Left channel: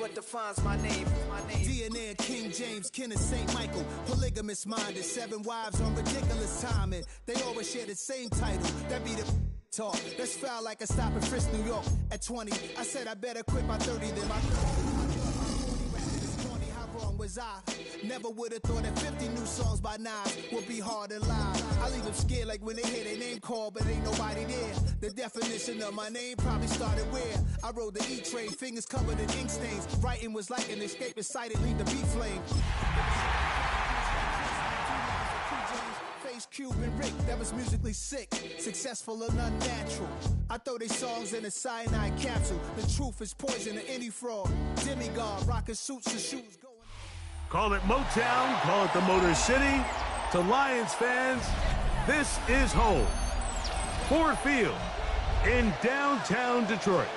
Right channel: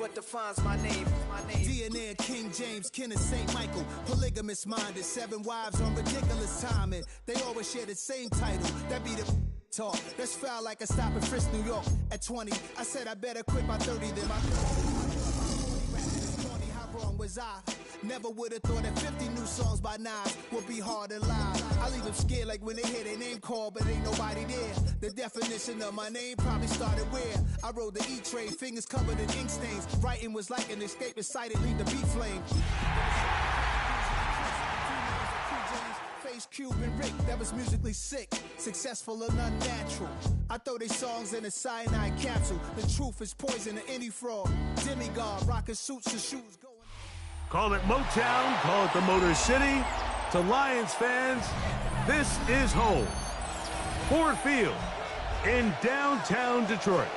what defines my name. DNA of King James, kin of St. Michael. Polygamous minded, 7 wives on ridiculous timing. They always share the same title. That be the talk. That's foul like a stop in Frisk, New York. At 20, I said I better quit by 30 than my 40. How wrong was I? Never would have thought that 50 new songs by Nas would be hard to lie. I leave them scared like when they hear their name called, but ain't nobody there. The definition of my name probably started where I rode the E-train, fingers covered in ink stains. Writing was like an escape excited, leave the beat flame. Face Cube and Rick, that was musically sick, successful and unnatural. I throw these songs in a cyanide capsule. The truth is poison to any fraud. Demigod, rocking suits and shoes. Call it Motown, call it the Motor City. To Lions fans, this is home. Ford Field in downtown Detroit.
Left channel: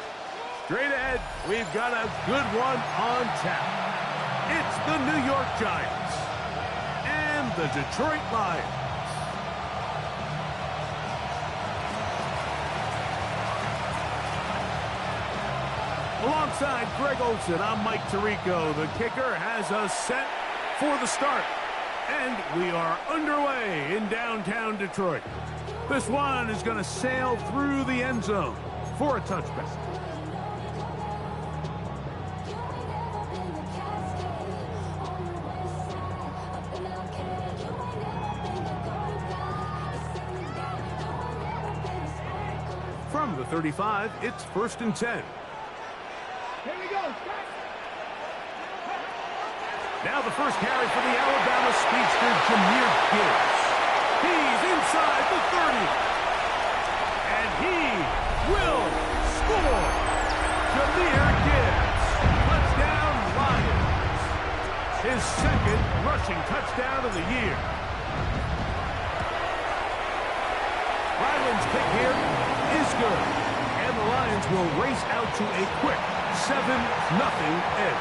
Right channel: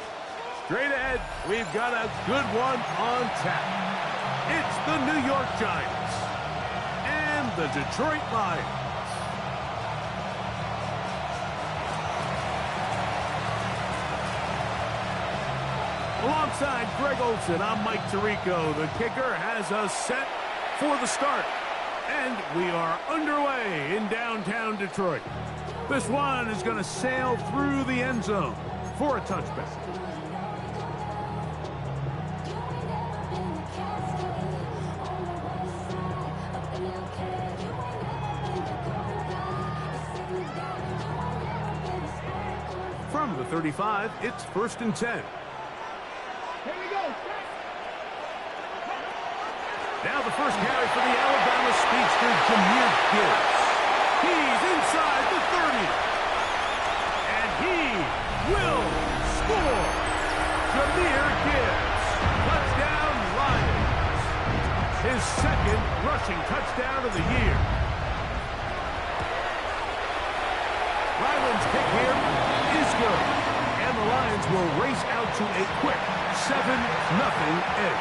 Straight ahead, we've got a good one on tap. It's the New York Giants and the Detroit Lions. Alongside Greg Olson, I'm Mike Tirico. The kicker has us set for the start. And we are underway in downtown Detroit. This one is going to sail through the end zone for a touchback. From the 35, it's 1st and 10. Here we go. Now the first carry for the Alabama speedster, Jahmyr Gibbs. He's inside the 30. And he will score. Jahmyr Gibbs. Touchdown, Lions. His second rushing touchdown of the year. Ryland's kick here is good. And the Lions will race out to a quick 7-0 edge.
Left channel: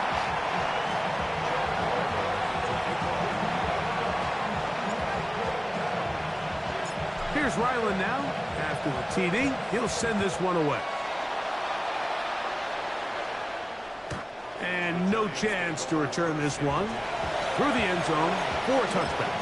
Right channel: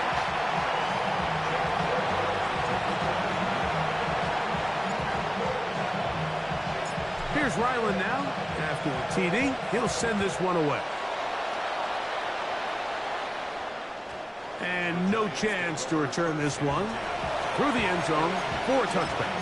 Here's Ryland now. After the TD, he'll send this one away. And no chance to return this one through the end zone for a touchback.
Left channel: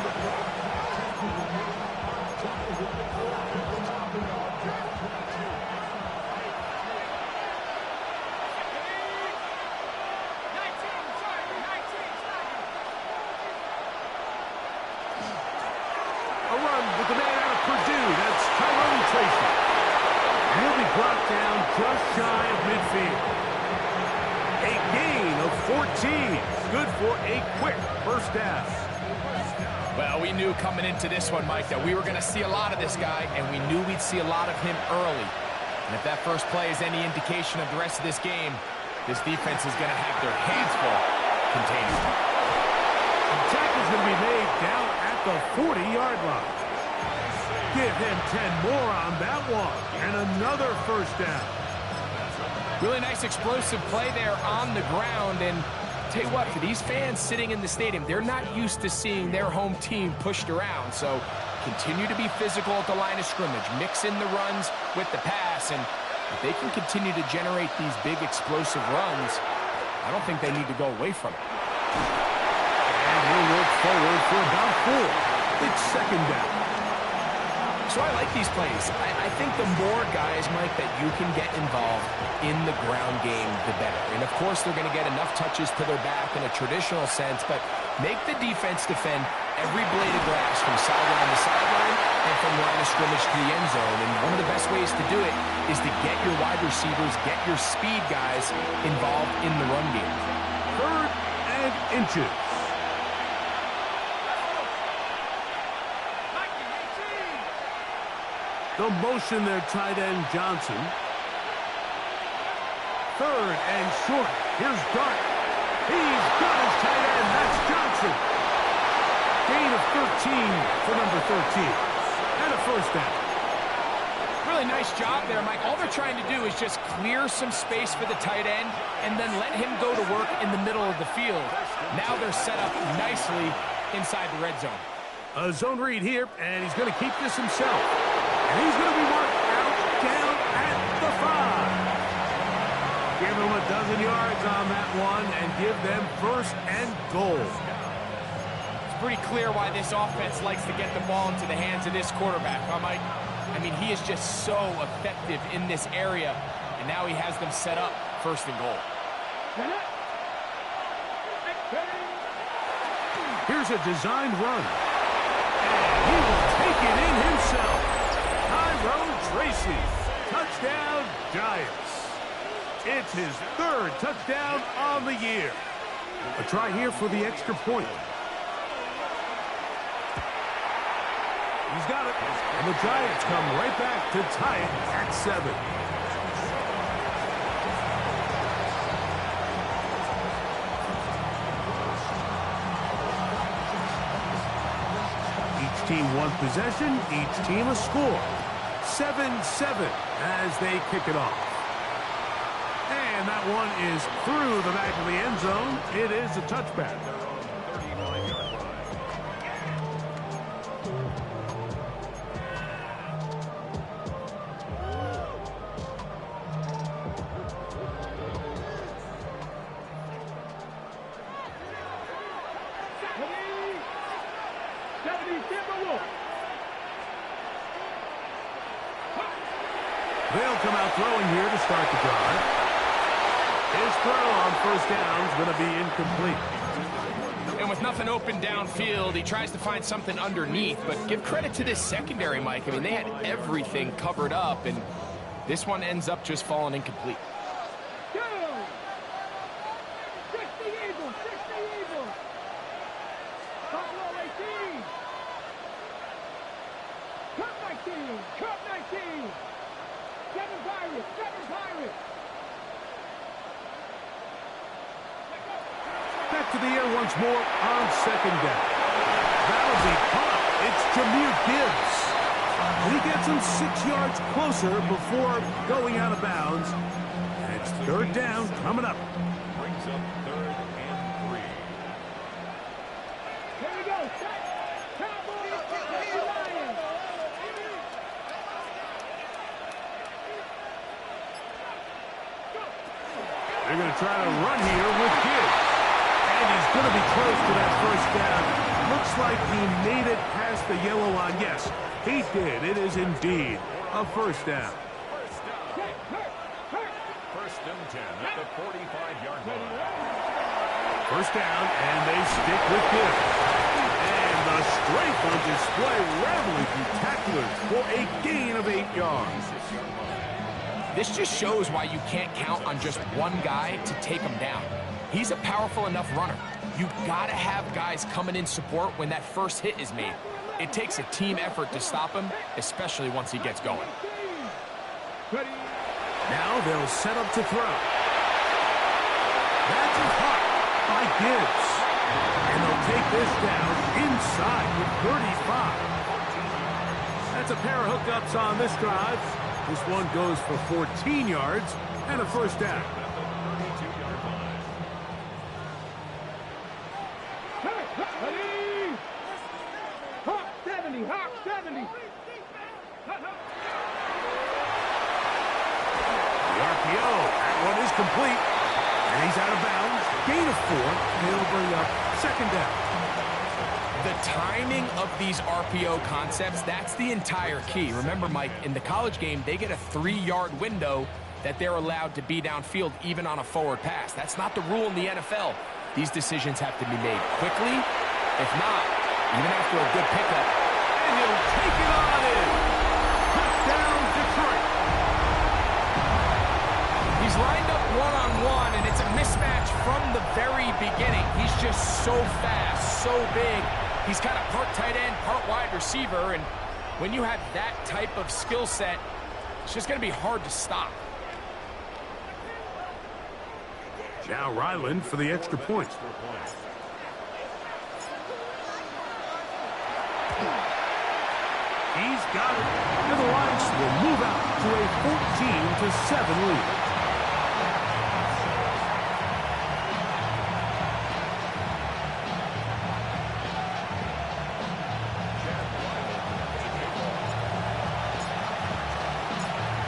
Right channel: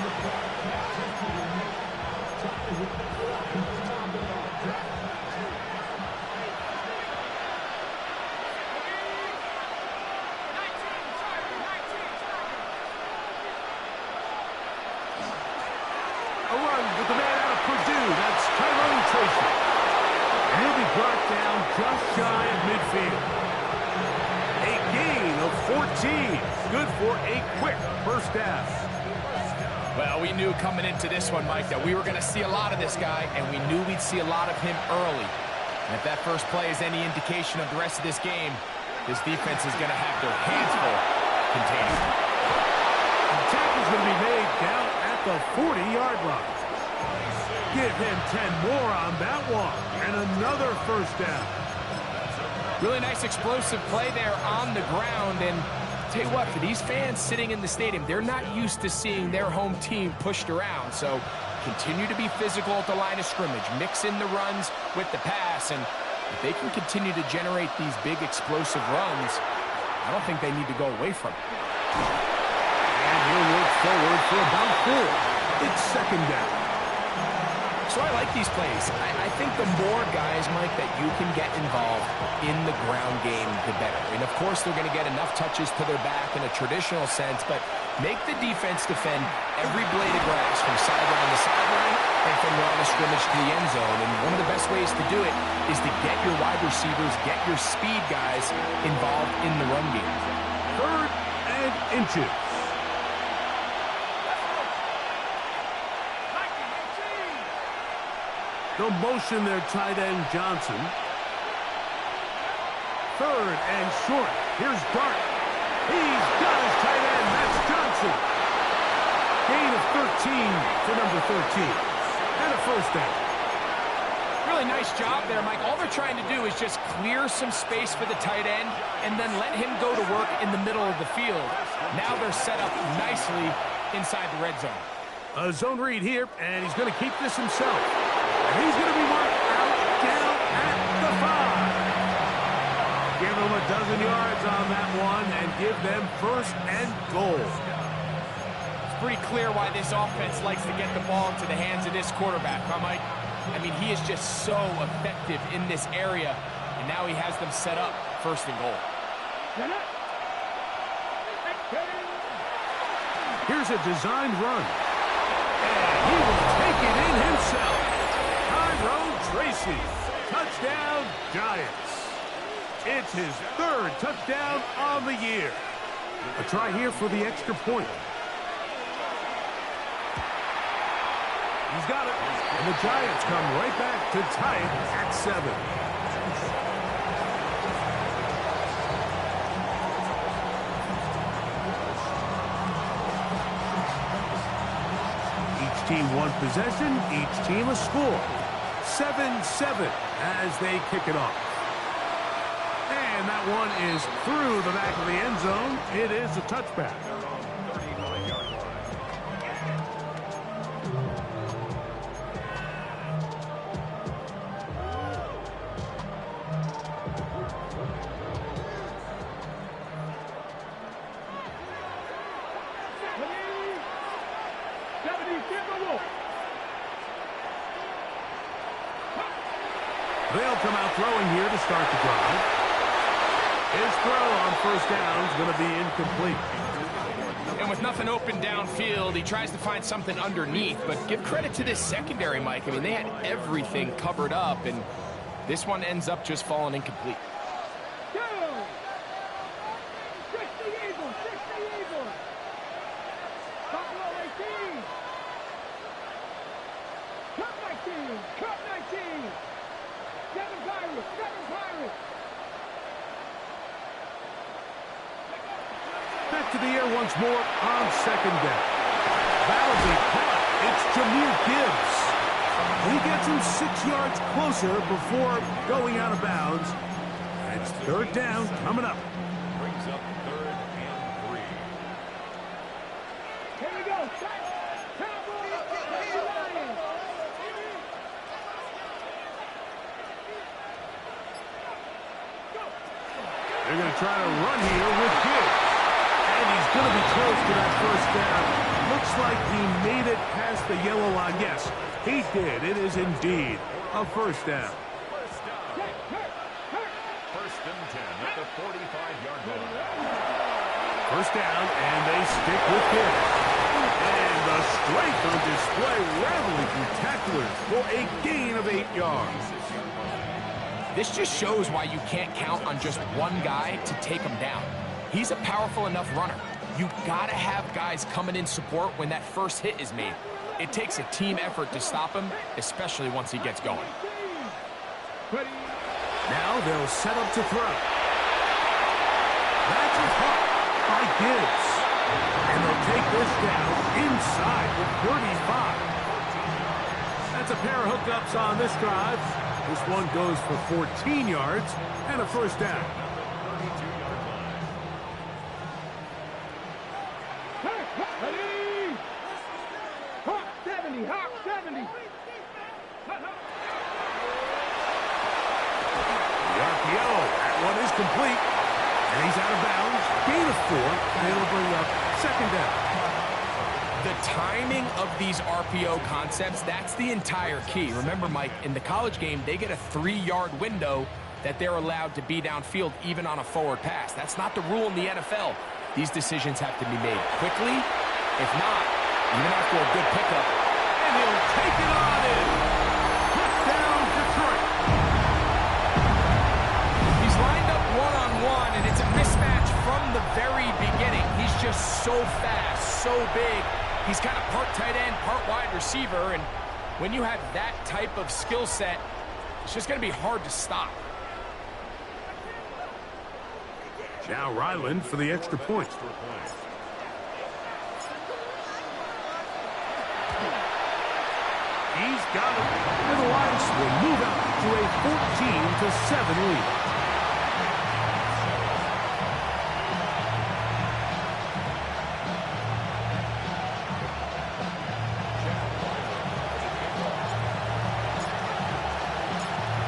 A run with the man out of Purdue. That's Tyrone Tracy. And he'll be brought down just shy of midfield. A gain of 14. Good for a quick first down. Well, we knew coming into this one, Mike, that we were going to see a lot of this guy, and we knew we'd see a lot of him early. And if that first play is any indication of the rest of this game, this defense is going to have their hands full containing him. The tackle's going to be made down at the 40-yard line. Give him 10 more on that one. And another first down. Really nice explosive play there on the ground. And tell you what, for these fans sitting in the stadium, they're not used to seeing their home team pushed around. So continue to be physical at the line of scrimmage. Mix in the runs with the pass. And if they can continue to generate these big explosive runs, I don't think they need to go away from it. And he'll work forward for about 4. It's second down. So I like these plays. I think the more guys, Mike, that you can get involved in the ground game, the better. And, of course, they're going to get enough touches to their back in a traditional sense, but make the defense defend every blade of grass from sideline to sideline and from line of scrimmage to the end zone. And one of the best ways to do it is to get your wide receivers, get your speed guys involved in the run game. 3rd and inches. The motion there, tight end Johnson. 3rd and short. Here's Dart. He's got his tight end. That's Johnson. Gain of 13 for number 13. And a first down. Really nice job there, Mike. All they're trying to do is just clear some space for the tight end and then let him go to work in the middle of the field. Now they're set up nicely inside the red zone. A zone read here, and he's going to keep this himself. And he's going to be marked out down at the 5. Give him a dozen yards on that one and give them first and goal. It's pretty clear why this offense likes to get the ball into the hands of this quarterback, huh, Mike? I mean, he is just so effective in this area, and now he has them set up first and goal. Here's a designed run. And he will take it in himself. Tyrone Tracy. Touchdown, Giants. It's his third touchdown on the year. A try here for the extra point. He's got it. And the Giants come right back to tie it at 7. Each team one possession, each team a score. 7-7 as they kick it off. And that one is through the back of the end zone. It is a touchback. They'll come out throwing here to start the drive. His throw on first down is going to be incomplete. And with nothing open downfield, he tries to find something underneath. But give credit to this secondary, Mike. I mean, they had everything covered up, and this one ends up just falling incomplete. Cup 19. Seven Pirates. Back to the air once more on second down. That'll be caught. It's Jahmyr Gibbs. And he gets him 6 yards closer before going out of bounds. And it's third down coming up. Brings up 3rd and 3. Here we go. Cowboys. Lions. They're going to try to run here with Gibbs. And he's going to be close to that first down. Looks like he made it past the yellow line. Yes, he did. It is indeed a first down. First and 10 at the 45-yard line. First down, and they stick with Gibbs. And the strength on display, rattling through tacklers for a gain of 8 yards. This just shows why you can't count on just one guy to take him down. He's a powerful enough runner. You gotta have guys coming in support when that first hit is made. It takes a team effort to stop him, especially once he gets going. Now they'll set up to throw. That's a hot by Gibbs. And they'll take this down inside with 35. That's a pair of hookups on this drive. This one goes for 14 yards and a first down. Hawk 70. The RPO, that one is complete. And he's out of bounds. Gain of 4, and it'll bring up second down. The timing of these RPO concepts, that's the entire key. Remember, Mike, in the college game, they get a 3-yard window that they're allowed to be downfield even on a forward pass. That's not the rule in the NFL. These decisions have to be made quickly. If not, even after a good pickup. And he'll take it on in. Touchdown, Detroit. He's lined up one-on-one, and it's a mismatch from the very beginning. He's just so fast, so big. He's kind of part tight end, part wide receiver, and when you have that type of skill set, it's just going to be hard to stop. Now Ryland for the extra point. He's got it, and the Lions will move out to a 14-7 lead.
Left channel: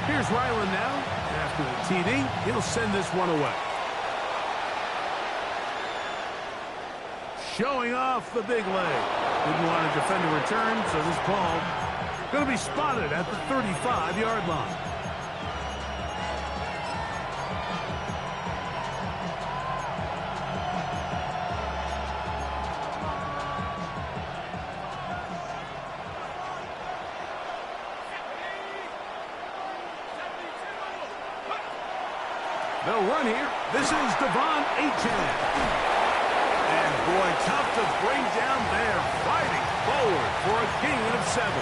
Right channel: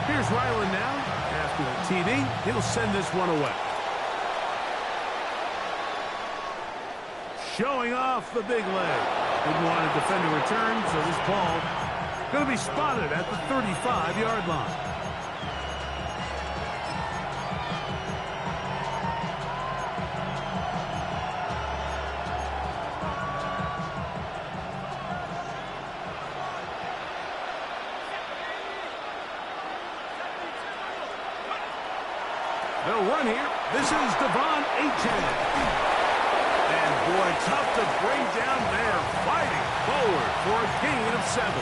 Here's Ryland now. After the TD, he'll send this one away. showing off the big leg. Didn't want to defend a return, so this ball going to be spotted at the 35-yard line. They'll run here. This is Devon Achane. And boy, tough to bring down there. Fighting forward for a gain of 7.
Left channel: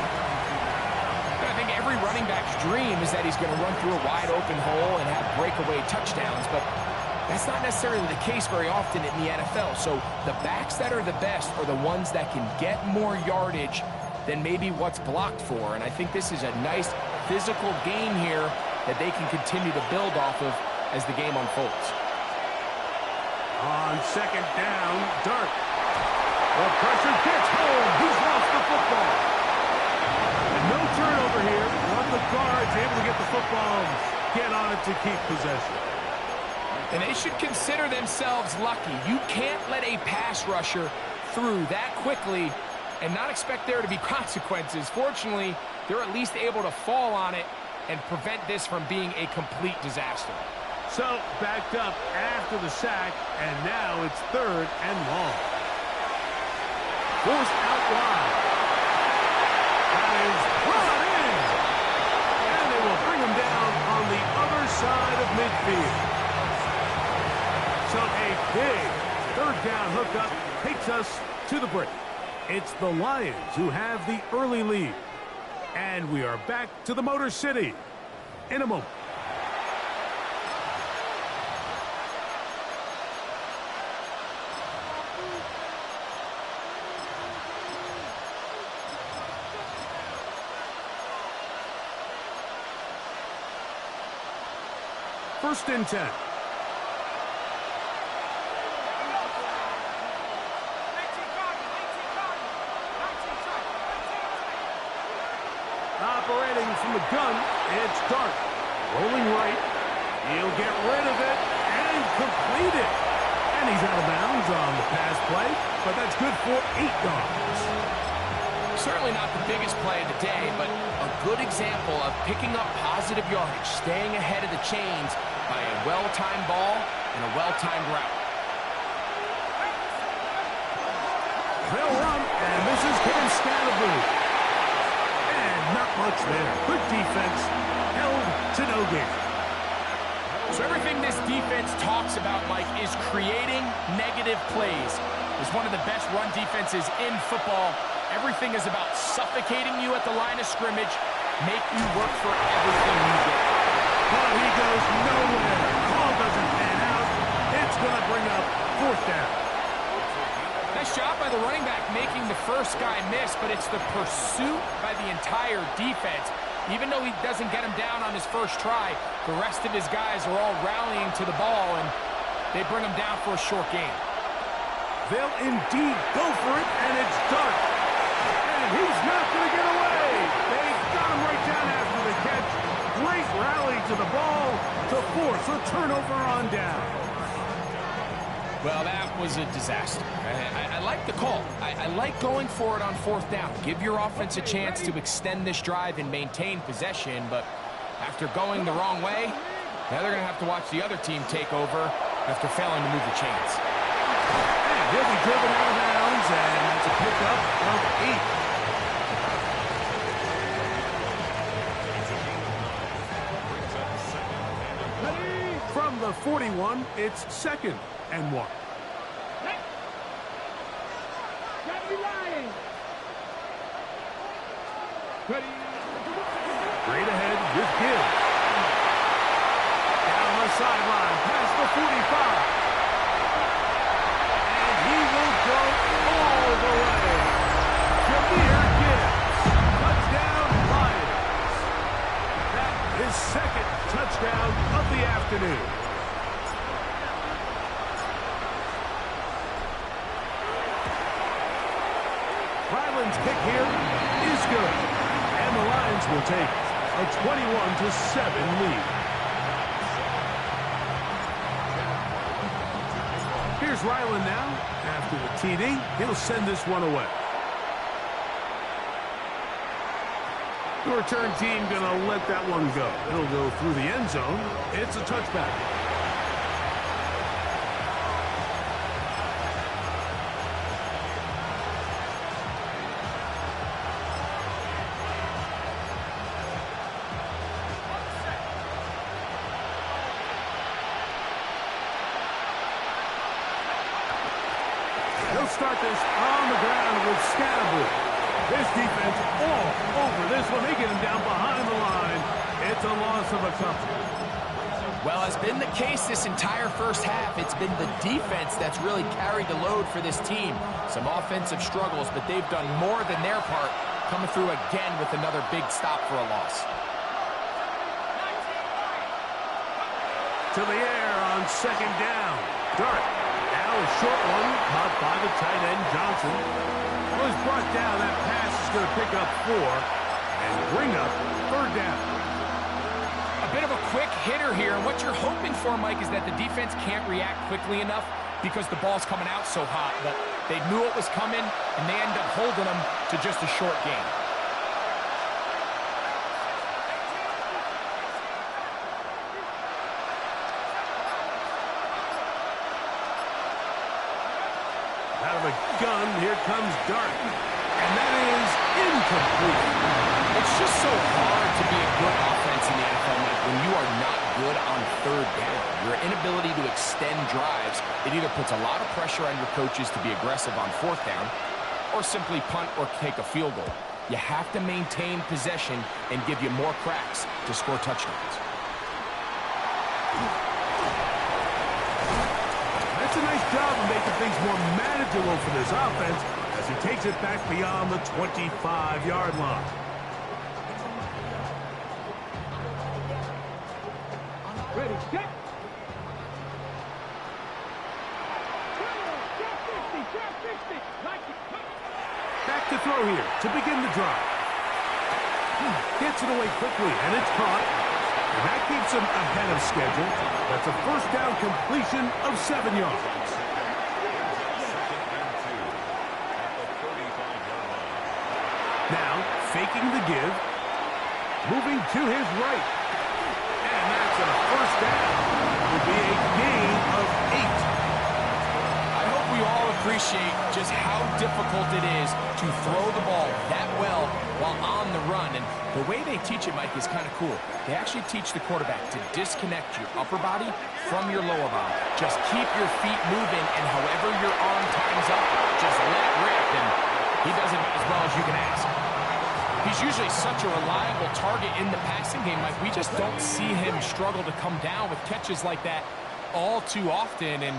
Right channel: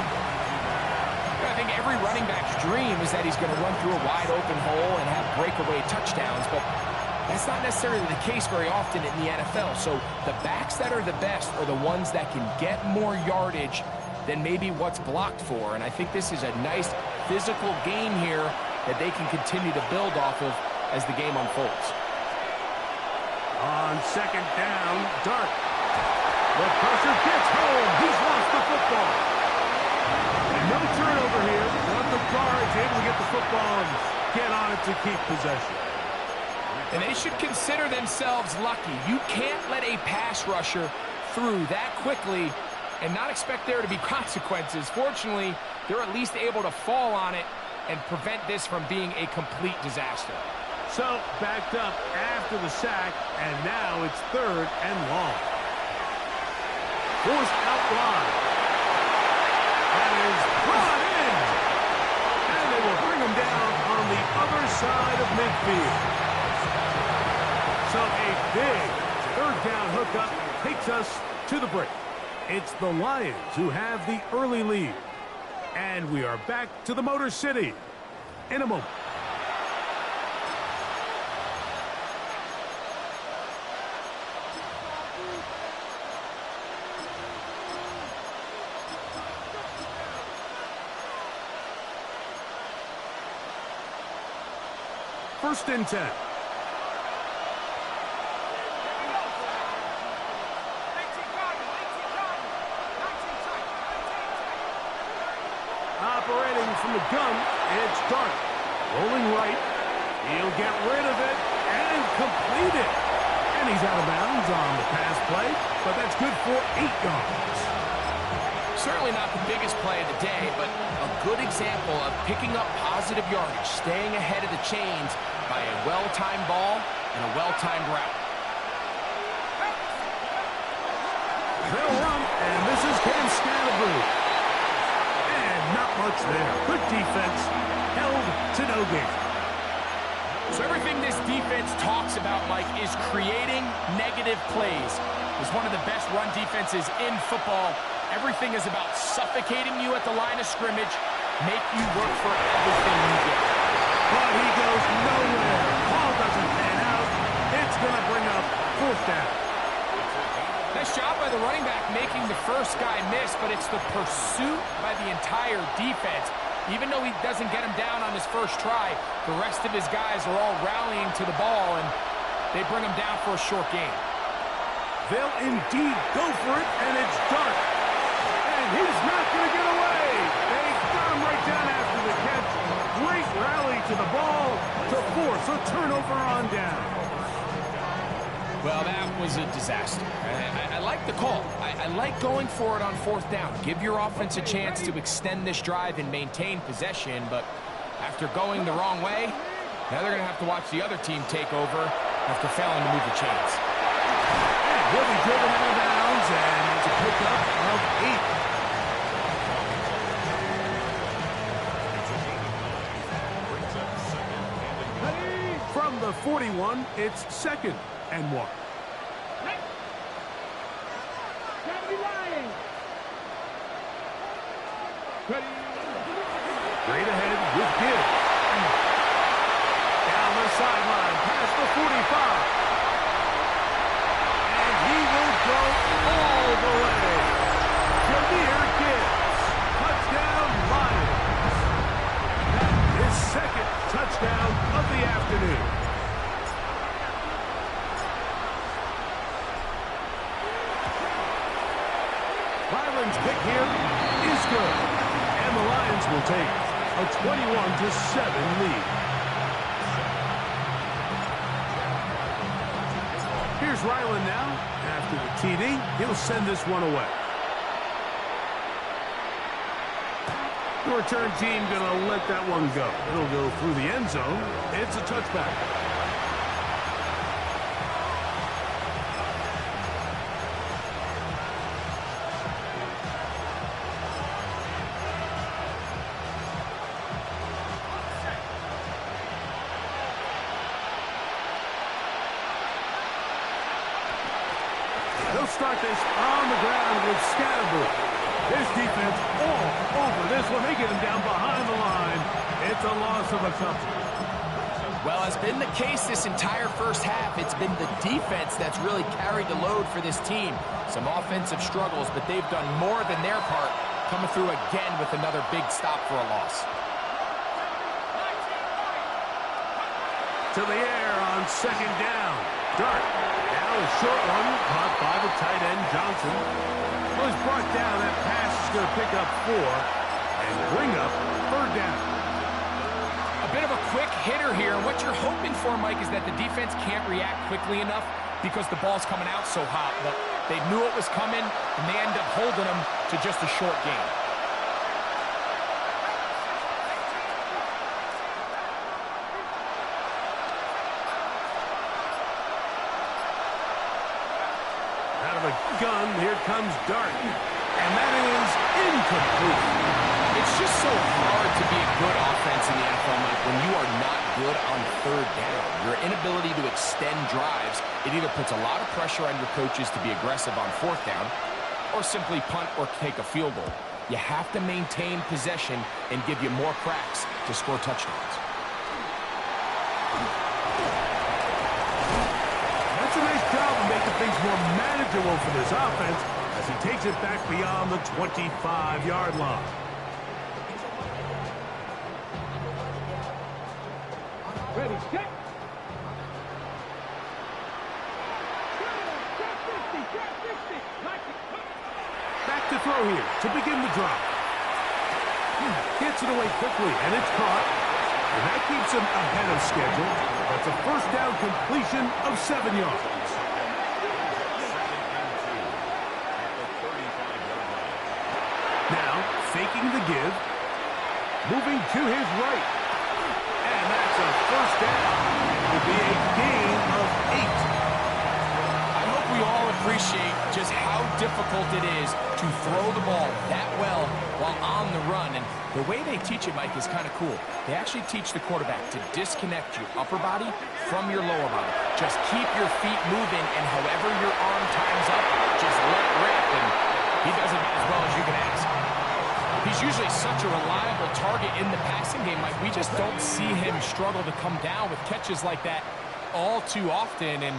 I think every running back's dream is that he's going to run through a wide open hole and have breakaway touchdowns, but that's not necessarily the case very often in the NFL. So the backs that are the best are the ones that can get more yardage than maybe what's blocked for. And I think this is a nice physical game here that they can continue to build off of as the game unfolds. On second down, Dart. The pressure gets home. He's lost the football. And no turnover here. But the guard's able to get the football and get on it to keep possession. And they should consider themselves lucky. You can't let a pass rusher through that quickly and not expect there to be consequences. Fortunately, they're at least able to fall on it and prevent this from being a complete disaster. So, backed up after the sack, and now it's 3rd and long. Forced out wide. That is brought in. And they will bring him down on the other side of midfield. So, a big 3rd down hookup takes us to the break. It's the Lions who have the early lead. And we are back to the Motor City in a moment. First and 10. Operating from the gun, it's Dart. Rolling right. He'll get rid of it and complete it. And he's out of bounds on the pass play, but that's good for 8 yards. Certainly not the biggest play of the day, but a good example of picking up positive yardage, staying ahead of the chains by a well-timed ball and a well-timed route. They'll run, and this is Cam Scatterboot. And not much there. Good defense, held to no gain. So everything this defense talks about, Mike, is creating negative plays. It's one of the best run defenses in football. Everything is about suffocating you at the line of scrimmage, make you work for everything you get. But he goes nowhere. Call doesn't pan out. It's going to bring up 4th down. Nice job by the running back making the first guy miss, but it's the pursuit by the entire defense. Even though he doesn't get him down on his first try, the rest of his guys are all rallying to the ball, and they bring him down for a short gain. They'll indeed go for it, and it's Dart. And he's not going to get away. They got him right down after the catch. Great rally to the ball to force a turnover on down. Well, that was a disaster. I like the call. I like going for it on 4th down. Give your offense a chance to extend this drive and maintain possession, but after going the wrong way, now they're going to have to watch the other team take over after failing to move the chains. And he'll be driven out of bounds, and that's a pickup of 8. From the 41, it's 2nd and 1. Straight ahead with Gibbs. Down the sideline, past the 45. And he will go all the way. Jahmyr Gibbs. Touchdown, Lions. That is 2nd touchdown of the afternoon. Ryland's kick here is good. And the Lions will take a 21-7 lead. Here's Ryland now. After the TD, he'll send this one away. The return team going to let that one go. It'll go through the end zone. It's a touchback. They'll start this on the ground with Scatterboo. This defense all over this one. They get him down behind the line. It's a loss of a couple. Well, as been the case this entire first half, it's been the defense that's really carried the load for this team. Some offensive struggles, but they've done more than their part, coming through again with another big stop for a loss. To the air on second down. Dart. Now a short one, caught by the tight end, Johnson. Well, he's brought down. That pass is going to pick up 4 and bring up third down. A bit of a quick hitter here, and what you're hoping for, Mike, is that the defense can't react quickly enough because the ball's coming out so hot. But they knew it was coming, and they end up holding them to just a short gain. Out of a gun, here comes Dart. And that is incomplete. It's just so hard to be a good offense in the NFL, Mike, when you are not good on third down. Your inability to extend drives, it either puts a lot of pressure on your coaches to be aggressive on fourth down or simply punt or take a field goal. You have to maintain possession and give you more cracks to score touchdowns. That's a nice job of making things more manageable for this offense as he takes it back beyond the 25-yard line. Ready, set. Trap 60. Like it. Back to throw here to begin the drive. Gets it away quickly, and it's caught. And that keeps him ahead of schedule. That's a first down completion of 7 yards. Now, faking the give. Moving to his right. And that's a first down. It will be a gain of 8. I hope we all appreciate just how difficult it is to throw the ball that well while on the run. And the way they teach it, Mike, is kind of cool. They actually teach the quarterback to disconnect your upper body from your lower body. Just keep your feet moving, and however your arm times up, just let it rip. And he does it as well as you can ask. He's usually such a reliable target in the passing game, Mike. We just don't see him struggle to come down with catches like that all too often. And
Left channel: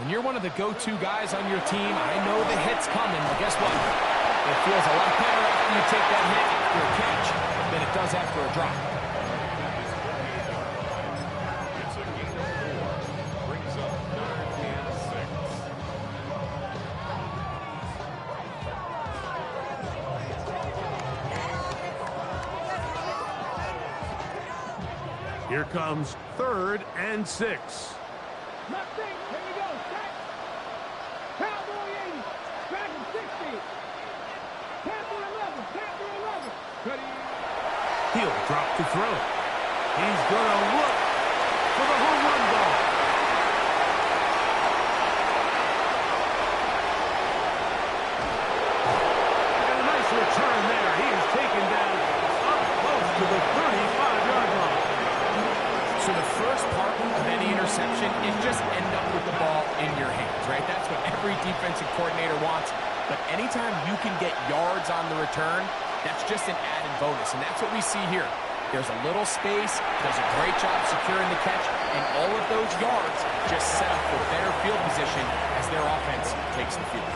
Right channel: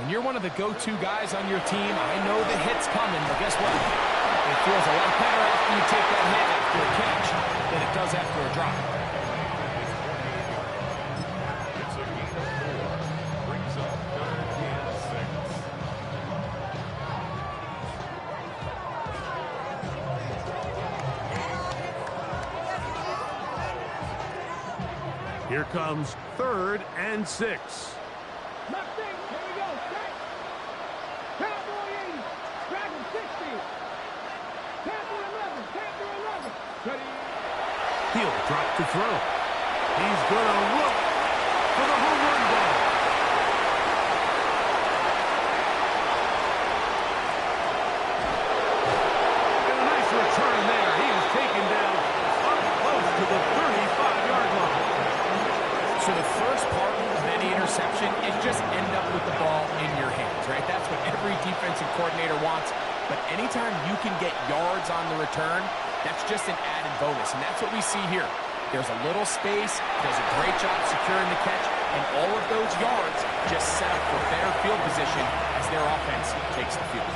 when you're one of the go-to guys on your team, I know the hit's coming, but guess what? It feels a lot better after you take that hit after a catch than it does after a drop. It's a gain of 4. Brings up 3rd and 6. Here comes 3rd and 6. Mustang, here we go. Set. Cowboy 80. Dragon 60. Panther 11. Panther 11. Ready. He'll drop to throw. He's going to look for the home run ball. And a nice return there. He is taken down up close to the 35-yard line. So the first part of any interception is just end up with the ball in your hands, right? That's what every defensive coordinator wants. But anytime you can get yards on the return, that's just an added bonus. And that's what we see here. There's a little space, does a great job securing the catch, and all of those yards just set up for better field position as their offense takes the field.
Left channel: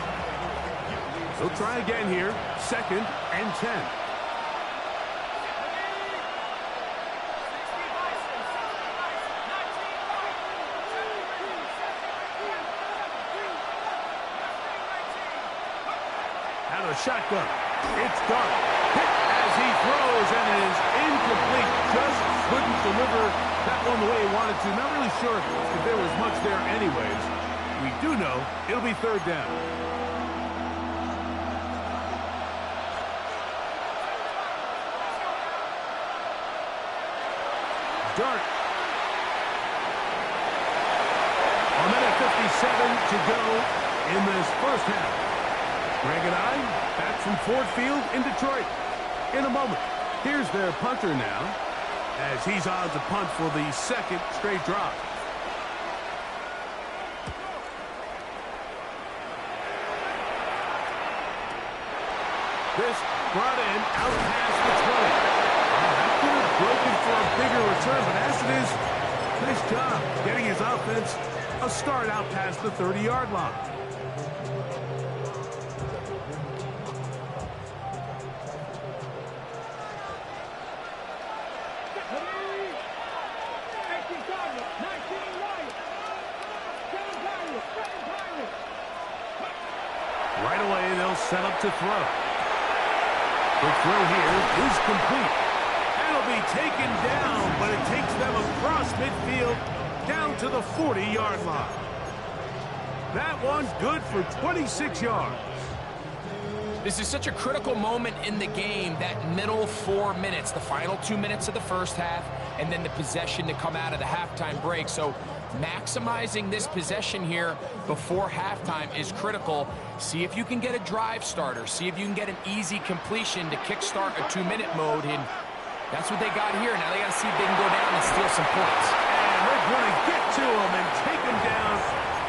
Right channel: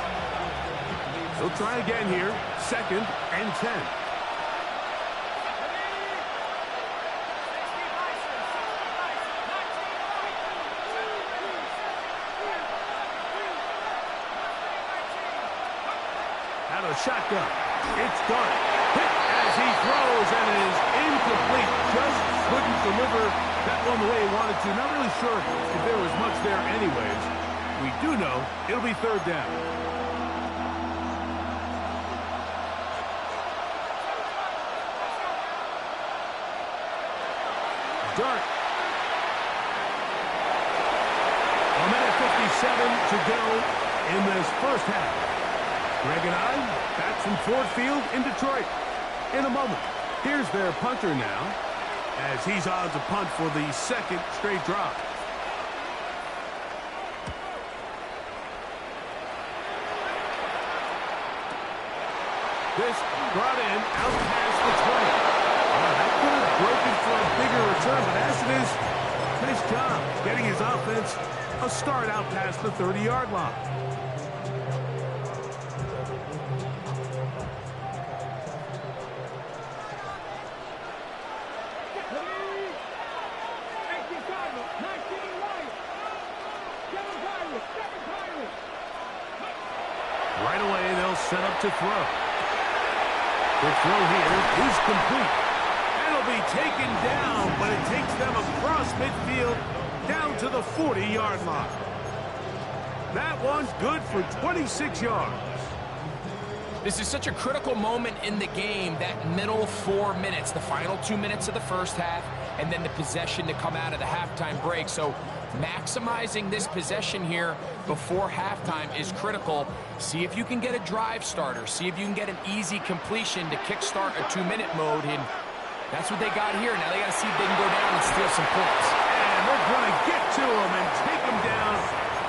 He'll try again here. 2nd and 10. Out of the shotgun. It's Dart. Hit as he throws, and it is incomplete. Just couldn't deliver that one the way he wanted to. Not really sure if there was much there anyways. We do know it'll be third down. Dart. A minute 57 to go in this first half. Greg and I back from Ford Field in Detroit in a moment. Here's their punter now, as he's on to punt for the second straight drive. This brought in out past the 20. That could have broken for a bigger return, but as it is, nice job getting his offense a start out past the 30-yard line. Right away, they'll set up to throw. Quick throw here is complete. And it'll be taken down, but it takes them across midfield down to the 40-yard line. That one's good for 26 yards. This is such a critical moment in the game, that middle 4 minutes, the final 2 minutes of the first half, and then the possession to come out of the halftime break. So maximizing this possession here before halftime is critical. See if you can get a drive starter. See if you can get an easy completion to kickstart a 2-minute mode. And that's what they got here. Now they got to see if they can go down and steal some points. And they're going to get to him and take him down,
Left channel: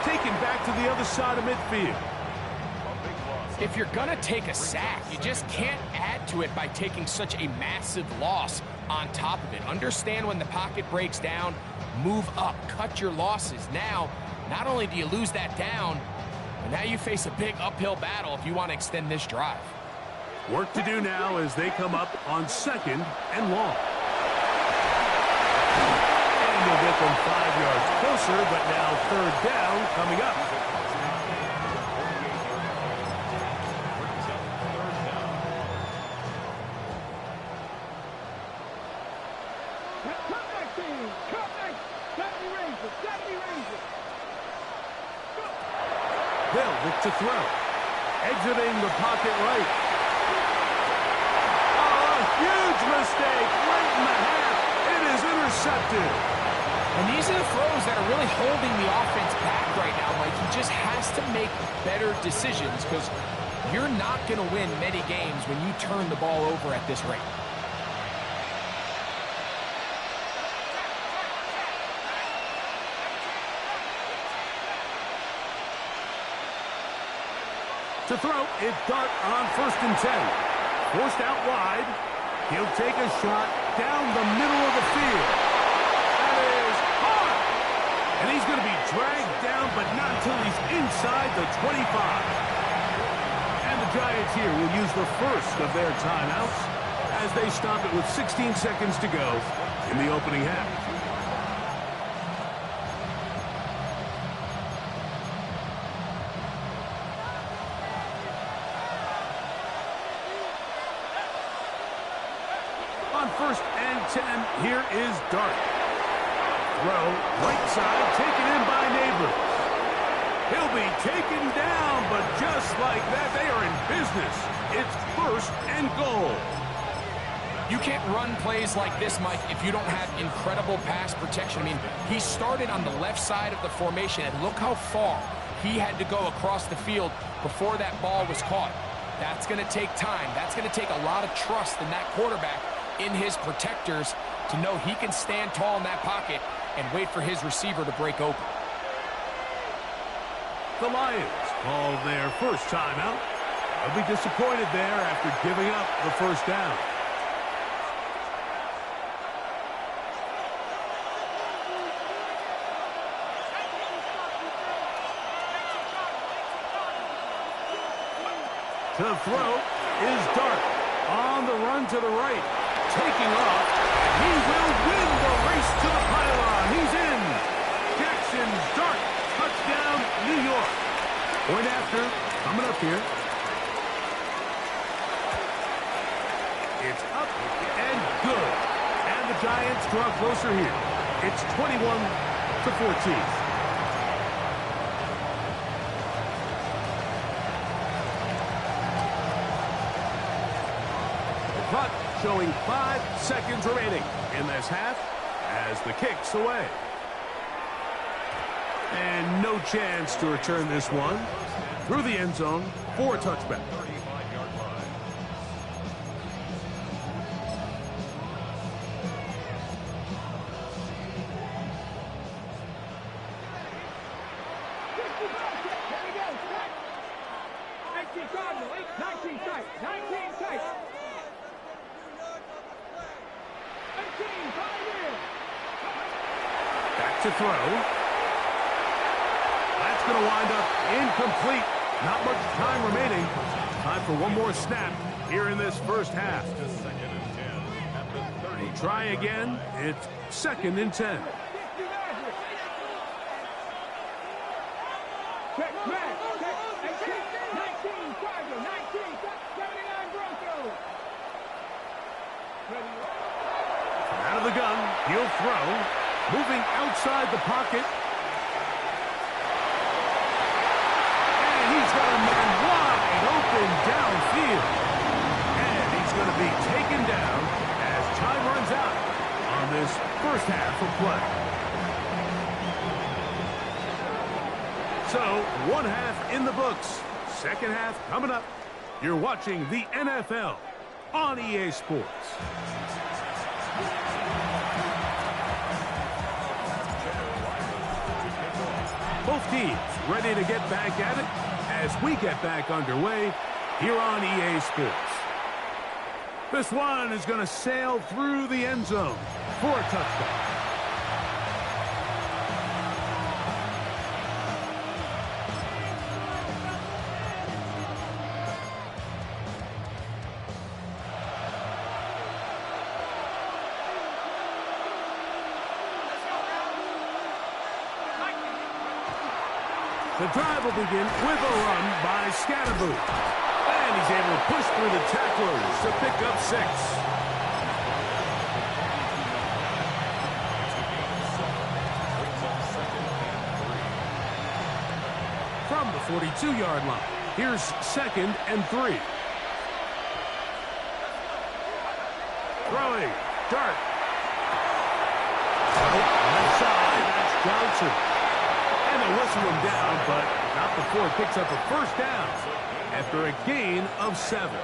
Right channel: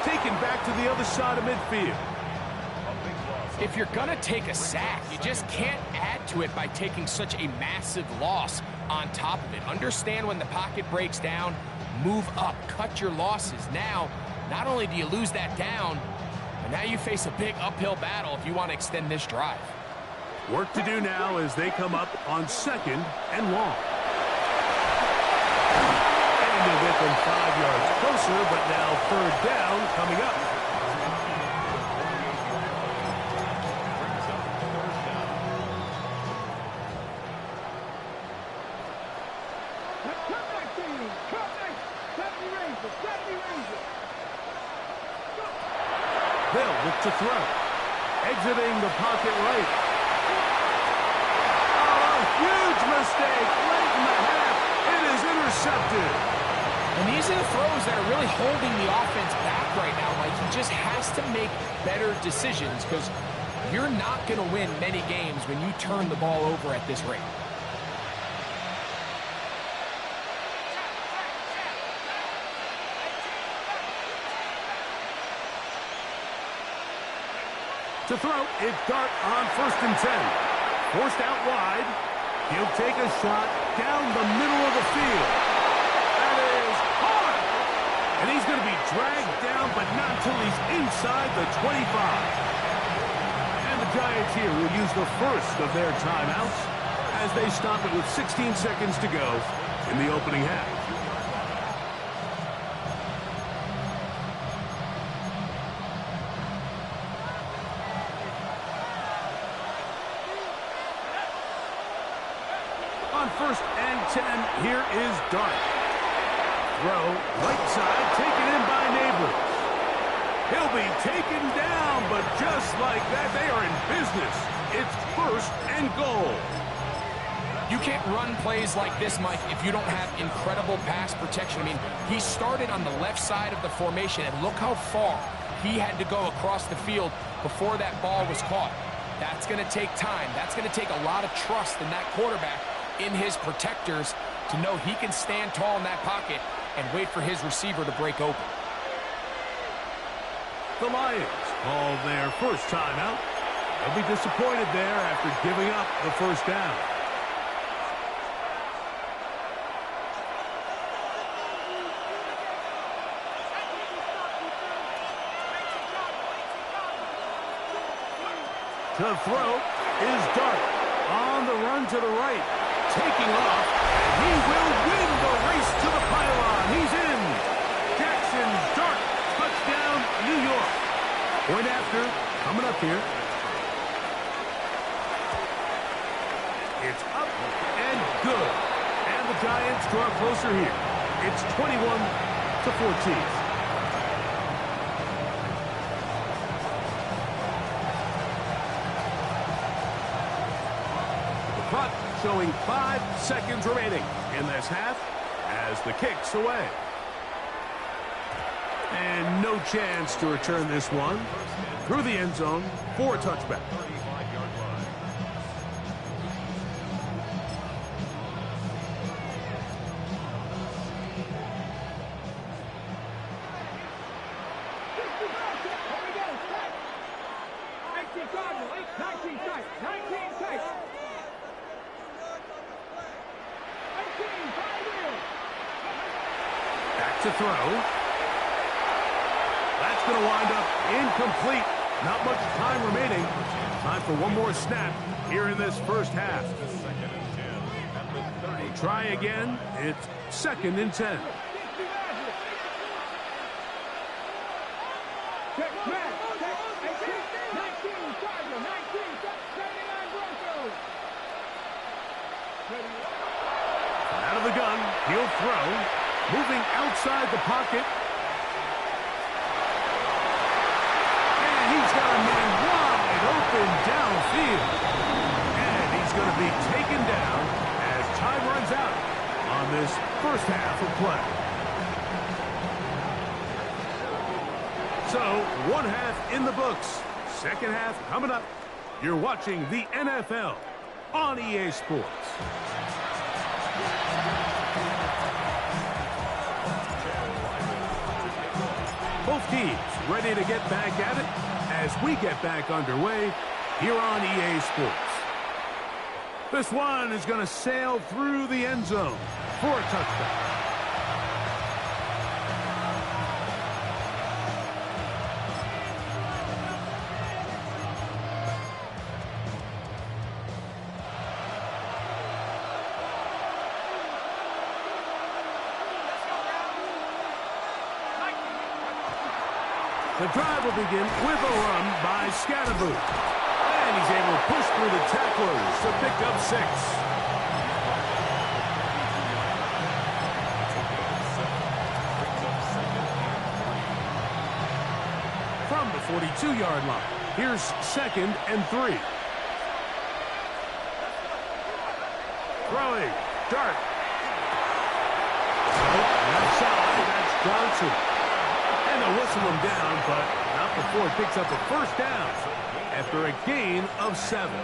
taken back to the other side of midfield. If you're going to take a sack, you just can't add to it by taking such a massive loss on top of it. Understand when the pocket breaks down, move up, cut your losses. Now, not only do you lose that down, but now you face a big uphill battle if you want to extend this drive. Work to do now as they come up on 2nd and long. And you'll get them 5 yards closer, but now 3rd down coming up. They'll look to throw. Exiting the pocket right. Oh, a huge mistake late in the half. It is intercepted. And these are the throws that are really holding the offense back right now, Mike. He just has to make better decisions because you're not going to win many games when you turn the ball over at this rate. To throw, it's Dart on 1st and 10. Forced out wide. He'll take a shot down the middle of the field. That is hard. And he's going to be dragged down, but not until he's inside the 25. And the Giants here will use the first of their timeouts as they stop it with 16 seconds to go in the opening half. On 1st and 10, here is Dart. Throw, right side, taken in by Neighbors. He'll be taken down, but just like that, they are in business. It's 1st and goal. You can't run plays like this, Mike, if you don't have incredible pass protection. I mean, he started on the left side of the formation, and look how far he had to go across the field before that ball was caught. That's going to take time. That's going to take a lot of trust in that quarterback, in his protectors, to know he can stand tall in that pocket and wait for his receiver to break open. The Lions call their first timeout. They'll be disappointed there after giving up the first down. To throw is Dart on the run to the right. Taking off, and he will win the race to the pylon. He's in. Jackson Dart, touchdown, New York. Point after, coming up here. It's up and good. And the Giants draw closer here. It's 21-14. clock showing 5 seconds remaining in this half as the kick's away. And no chance to return this one through the end zone for a touchback. 35-yard line. Here we go. Set. 19 Cardinal. 19 tight. 19 tight. 18. 5 years. Back to throw. That's going to wind up incomplete. Not much time remaining. Time for one more snap here in this first half. To 2nd and 10 at the 30. Try again. It's 2nd and 10. Check back. Check. 18. 19 Charger. 19. 79 Broncos. Out of the gun. He'll throw. Moving outside the pocket. He's got a man wide open downfield. And he's going to be taken down as time runs out on this first half of play. So, one half in the books. Second half coming up. You're watching the NFL on EA Sports. Both teams ready to get back at it as we get back underway here on EA Sports. This one is going to sail through the end zone for a touchdown. The drive will begin with a run by Scatterboot. And he's able to push through the tacklers to pick up 6. From the 42-yard line, here's 2nd and 3. Throwing. Dart. Left side, that's Johnson. And they'll whistle him down, but not before it picks up a first down after a gain of 7.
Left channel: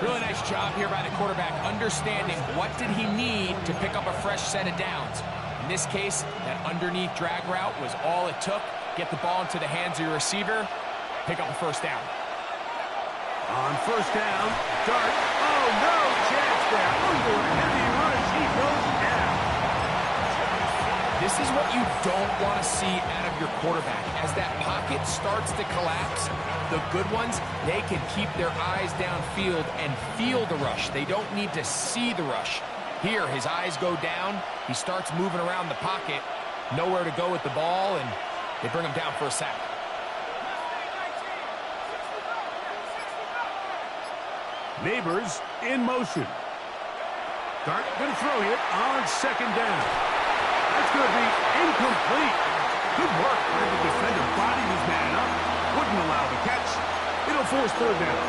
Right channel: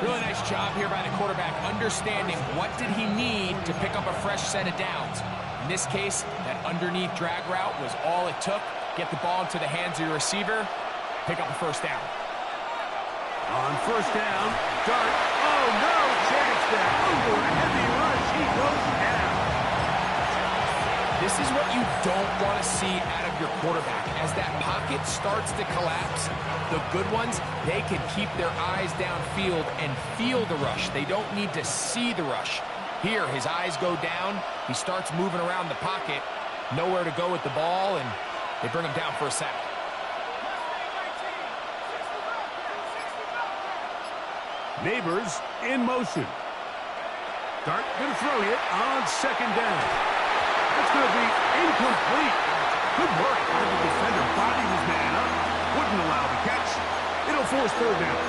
Really nice job here by the quarterback, understanding what did he need to pick up a fresh set of downs. In this case, that underneath drag route was all it took. Get the ball into the hands of your receiver, pick up a first down. On first down, Dart. Oh, no chance there. Under a heavy rush, he goes down. This is what you don't want to see out of your quarterback. As that pocket starts to collapse, the good ones, they can keep their eyes downfield and feel the rush. They don't need to see the rush. Here, his eyes go down. He starts moving around the pocket. Nowhere to go with the ball, and they bring him down for a sack. Neighbors in motion. Dart going to throw here on 2nd down. That's going to be incomplete. Good work by the defender. Bodied his man up. Wouldn't allow the catch. It'll force 3rd down.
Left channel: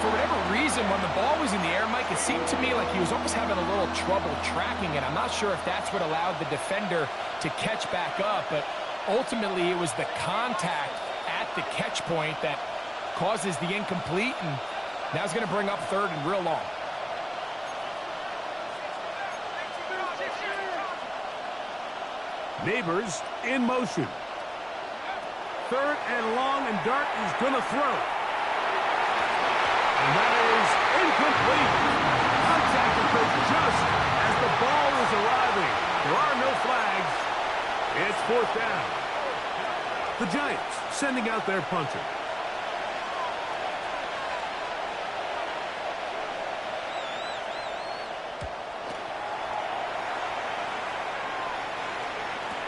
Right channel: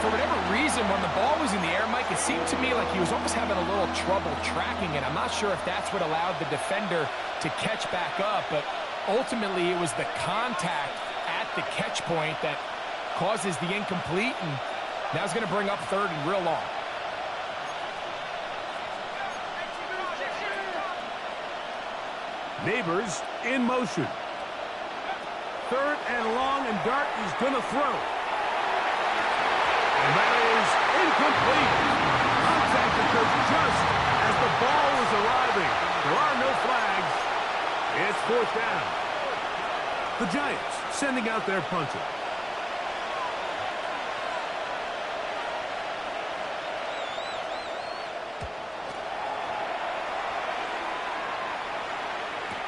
For whatever reason, when the ball was in the air, Mike, it seemed to me like he was almost having a little trouble tracking it. I'm not sure if that's what allowed the defender to catch back up, but ultimately it was the contact at the catch point that causes the incomplete, and now it's going to bring up 3rd and real long. Neighbors in motion. 3rd and long, and Dart is going to throw. And that is incomplete. Contact occurs just as the ball was arriving. There are no flags. It's 4th down. The Giants sending out their punter.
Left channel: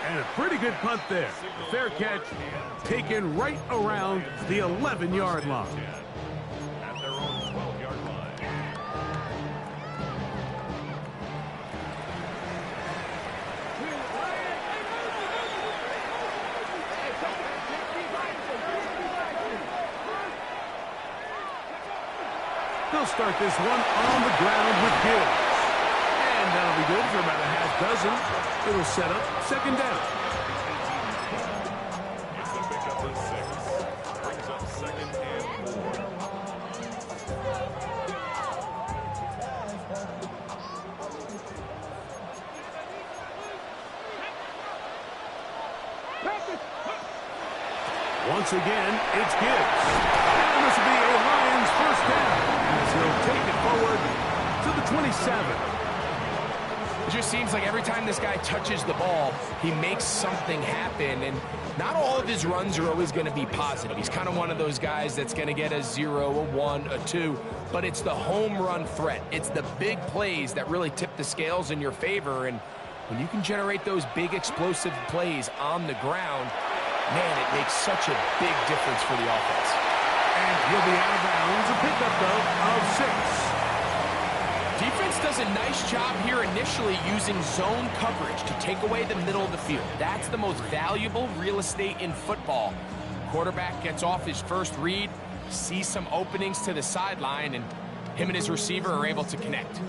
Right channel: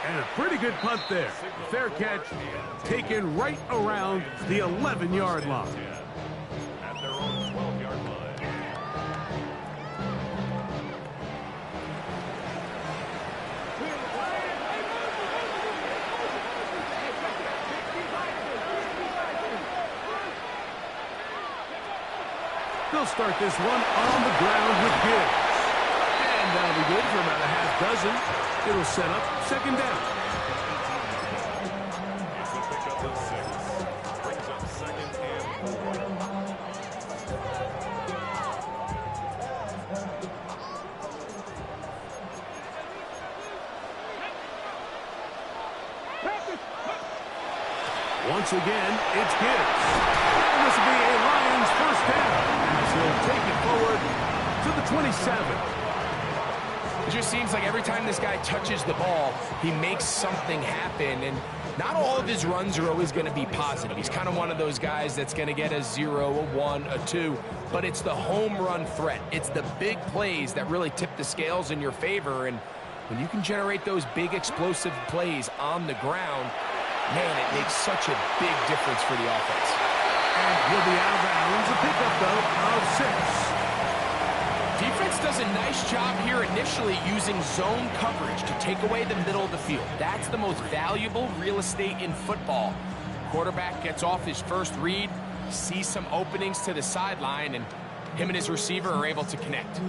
And a pretty good punt there. A fair catch taken right around the 11-yard line. At their own 12-yard line. They'll start this one on the ground with Gibbs. And that'll be good for about a half dozen. It'll set up second down. It's a pickup of 6. Brings up second and 4. Once again, it's Gibbs. And this will be a Lions first down as he'll take it forward to the 27. It just seems like every time this guy touches the ball, he makes something happen. And not all of his runs are always going to be positive. He's kind of one of those guys that's going to get a 0, a 1, a 2. But it's the home run threat. It's the big plays that really tip the scales in your favor. And when you can generate those big explosive plays on the ground, man, it makes such a big difference for the offense. And he'll be out of bounds. A pickup, though, of 6. Defense does a nice job here initially using zone coverage to take away the middle of the field. That's the most valuable real estate in football. Quarterback gets off his first read, sees some openings to the sideline, and him and his receiver are able to connect.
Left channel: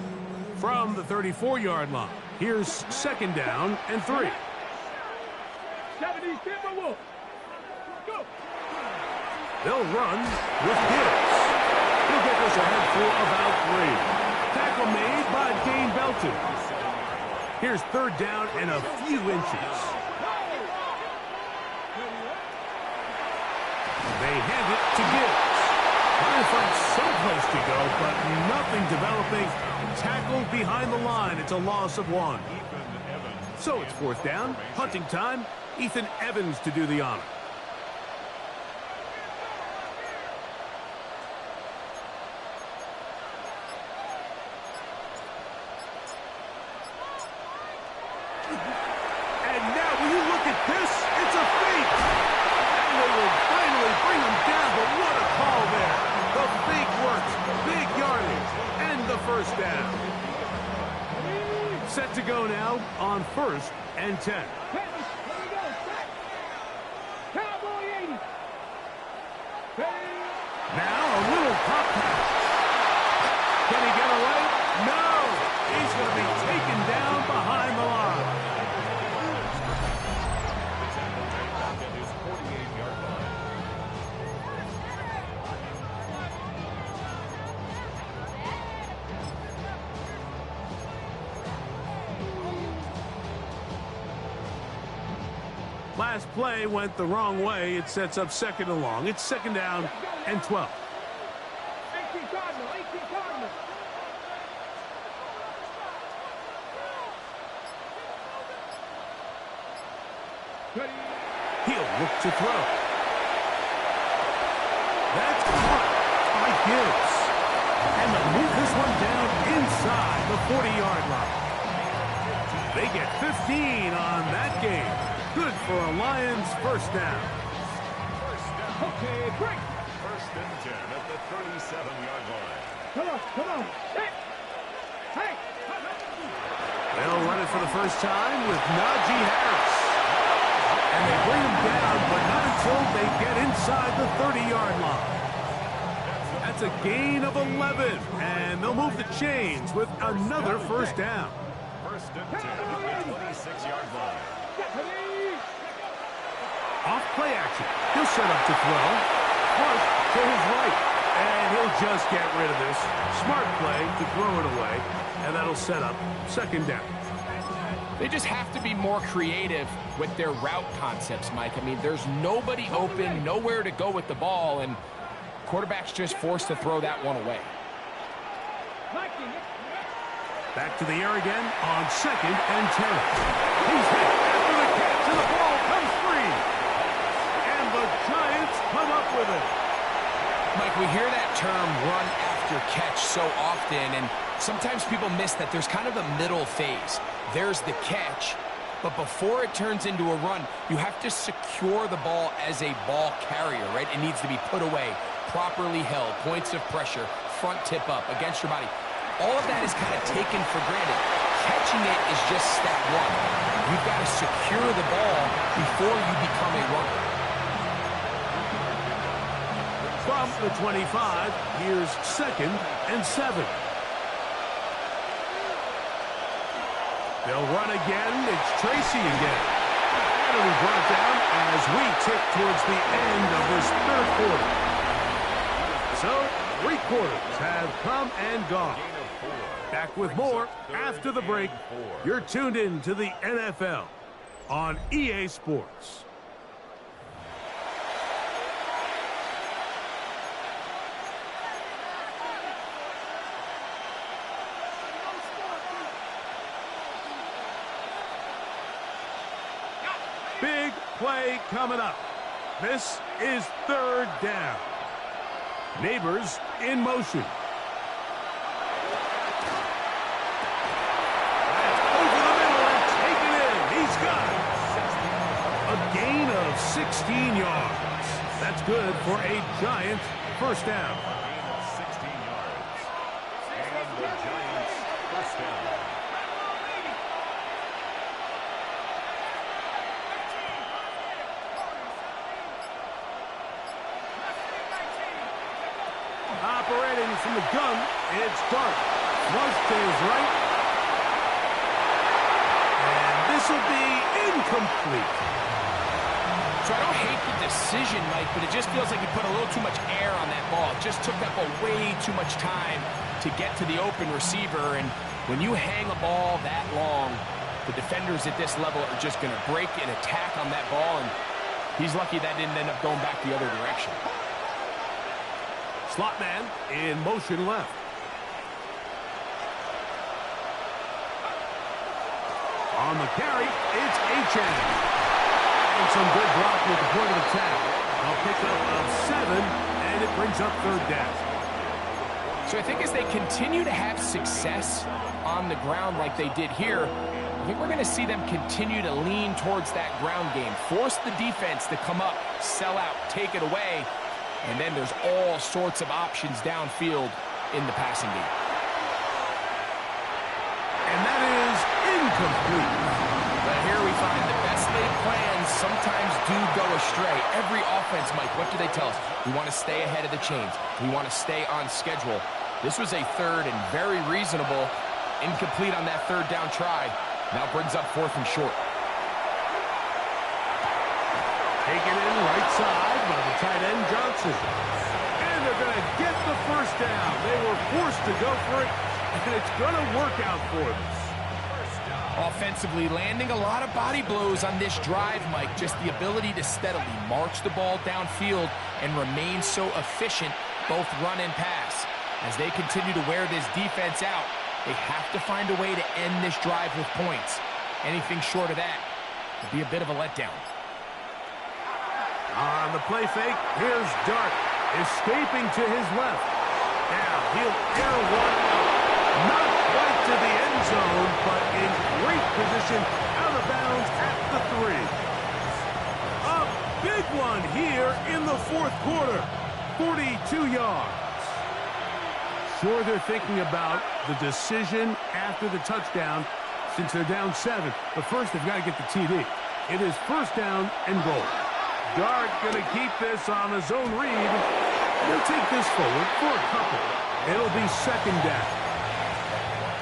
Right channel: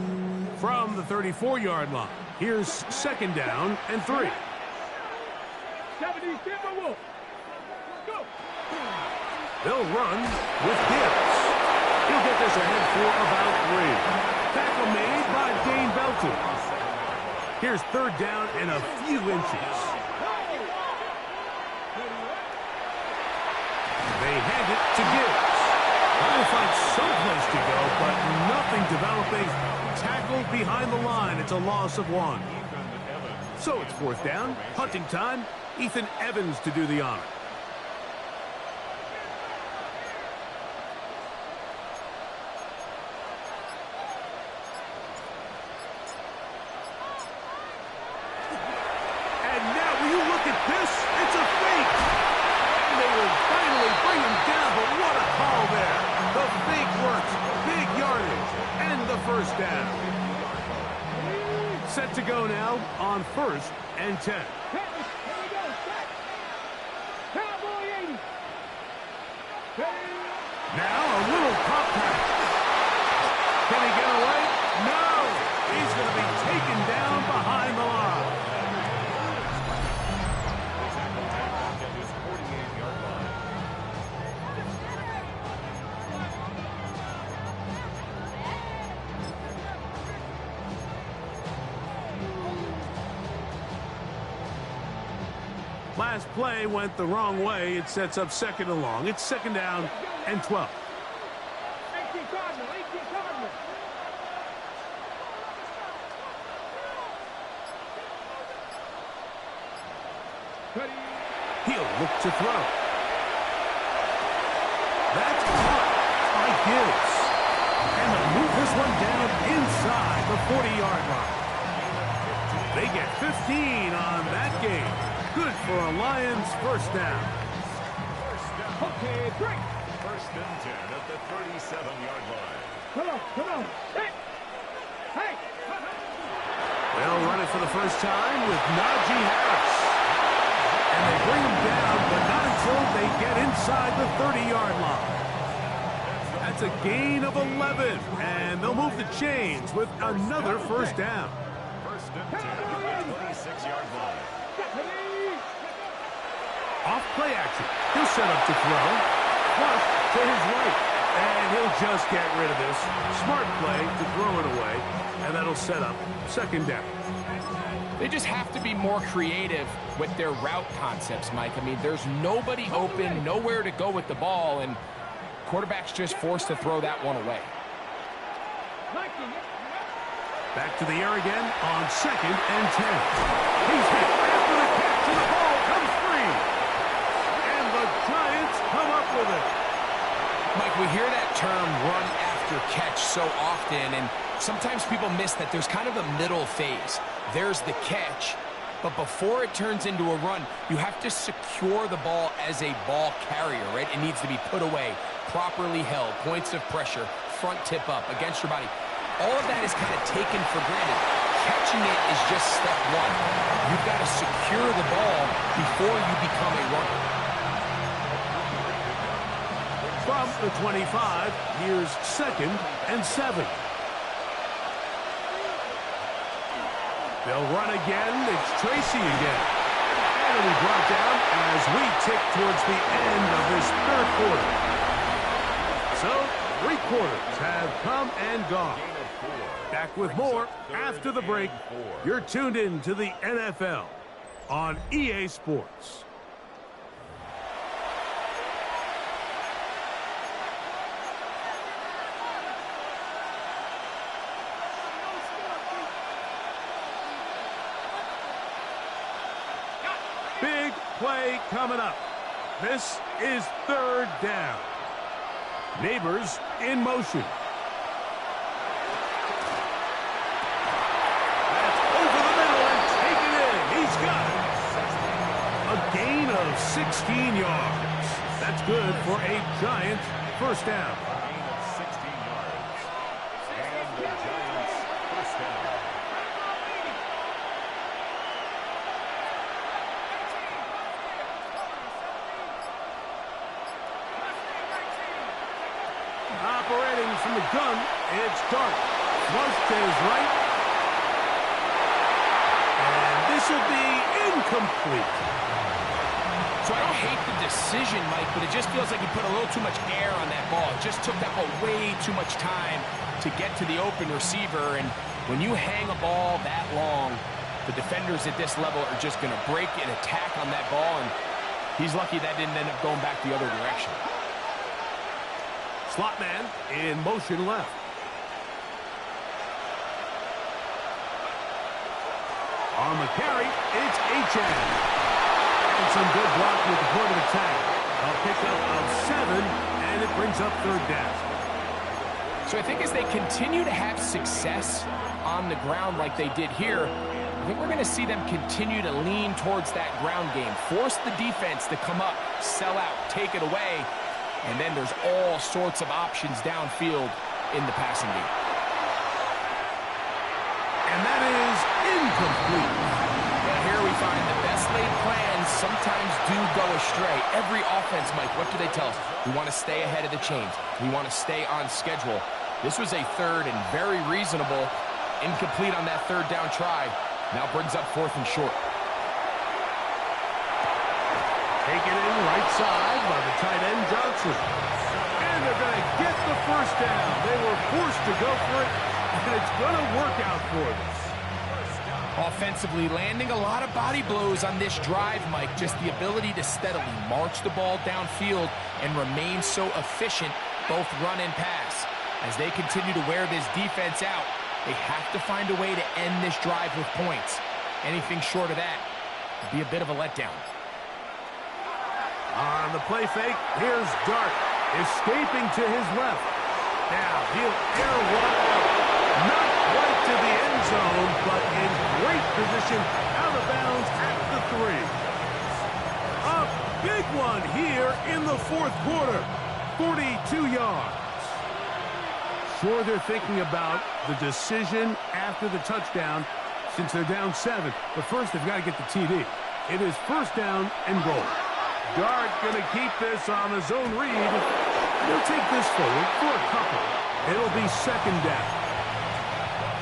From the 34-yard line, here's second down and 3. 70 Timberwolves. Go. They'll run with Gibbs. He'll get this ahead for about 3. Tackle made by Dane Belton. Here's third down and a few inches. They hand it to Gibbs. Trying to find someplace to go, but nothing developing. Tackled behind the line. It's a loss of 1. So it's fourth down. Punting time. Ethan Evans to do the honor. And now, will you look at this? It's a fake. And they will finally bring him down, but what a call there. The fake works. Big yardage. And the first down. Set to go now on 1st and 10. Here we go. Set. Cowboy 80. Now a little pop pass. Can he get away? No. He's going to be taken down behind the line. The tackle made back at his 48-yard line. Last play went the wrong way. It sets up second and long. It's second down and 12. 18 Cardinal. 18 Cardinal. He'll look to throw. That's caught by Gibbs. And they'll move this one down inside the 40-yard line. They get 15 on that game. Good for a Lions first down. Okay, break. First and 10 at the 37-yard line. Come on. Hey. They'll run it for the first time with Najee Harris. And they bring him down, but not until they get inside the 30-yard line. That's a gain of 11, and they'll move the chains with another first down. First and 10 at the 26-yard line. Off play action. He'll set up to throw. Flush to his right. And he'll just get rid of this. Smart play to throw it away. And that'll set up second down. They just have to be more creative with their route concepts, Mike. I mean, there's nobody open, nowhere to go with the ball, and quarterback's just forced to throw that one away. Back to the air again on second and 10. He's hit after the catch, and the ball comes free. And the Giants come up with it. Mike, we hear that term run after catch so often, and sometimes people miss that there's kind of a middle phase. There's the catch, but before it turns into a run, you have to secure the ball as a ball carrier, right? It needs to be put away, properly held, points of pressure, front tip up against your body. All of that is kind of taken for granted. Catching it is just step one. You've got to secure the ball before you become a runner. From the 25, here's 2nd and 7. They'll run again. It's Tracy again. And it'll be brought down as we tick towards the end of this 3rd quarter. So, 3 quarters have come and gone. Back with more after the break. You're tuned in to the NFL on EA Sports. Big play coming up. This is 3rd down. Neighbors in motion. That's over the middle and taken in. He's got it. A gain of 16 yards. That's good for a Giant 1st down. Gain of 16 yards. And the Giants' 1st down. Operating from the gun, it's Dart. Flush to his right. And this will be incomplete. So I don't hate the decision, Mike, but it just feels like he put a little too much air on that ball. It just took that ball way too much time to get to the open receiver. And when you hang a ball that long, the defenders at this level are just going to break and attack on that ball. And he's lucky that didn't end up going back the other direction. Slot man in motion left. On the carry, it's Achane. And some good block with the point of attack. A pickup of 7, and it brings up 3rd down. So I think as they continue to have success on the ground like they did here, I think we're going to see them continue to lean towards that ground game. Force the defense to come up, sell out, take it away. And then there's all sorts of options downfield in the passing game. And that is incomplete. But here we find the best laid plans sometimes do go astray. Every offense, Mike, what do they tell us? We want to stay ahead of the chains. We want to stay on schedule. This was a 3rd and very reasonable. Incomplete on that 3rd down try. Now brings up 4th and short. Taken in right side by the tight end, Johnson. And they're going to get the 1st down. They were forced to go for it, and it's going to work out for them. Offensively, landing a lot of body blows on this drive, Mike. Just the ability to steadily march the ball downfield and remain so efficient, both run and pass. As they continue to wear this defense out, they have to find a way to end this drive with points. Anything short of that would be a bit of a letdown. On the play fake, here's Dart, escaping to his left. Now he'll air one out. Not quite to the end zone, but in great position, out of bounds at the 3. A big one here in the 4th quarter. 42 yards. Sure, they're thinking about the decision after the touchdown since they're down 7. But first, they've got to get the TD. It is 1st down and goal. Dart going to keep this on his own read. He'll take this forward for a couple. It'll be 2nd down.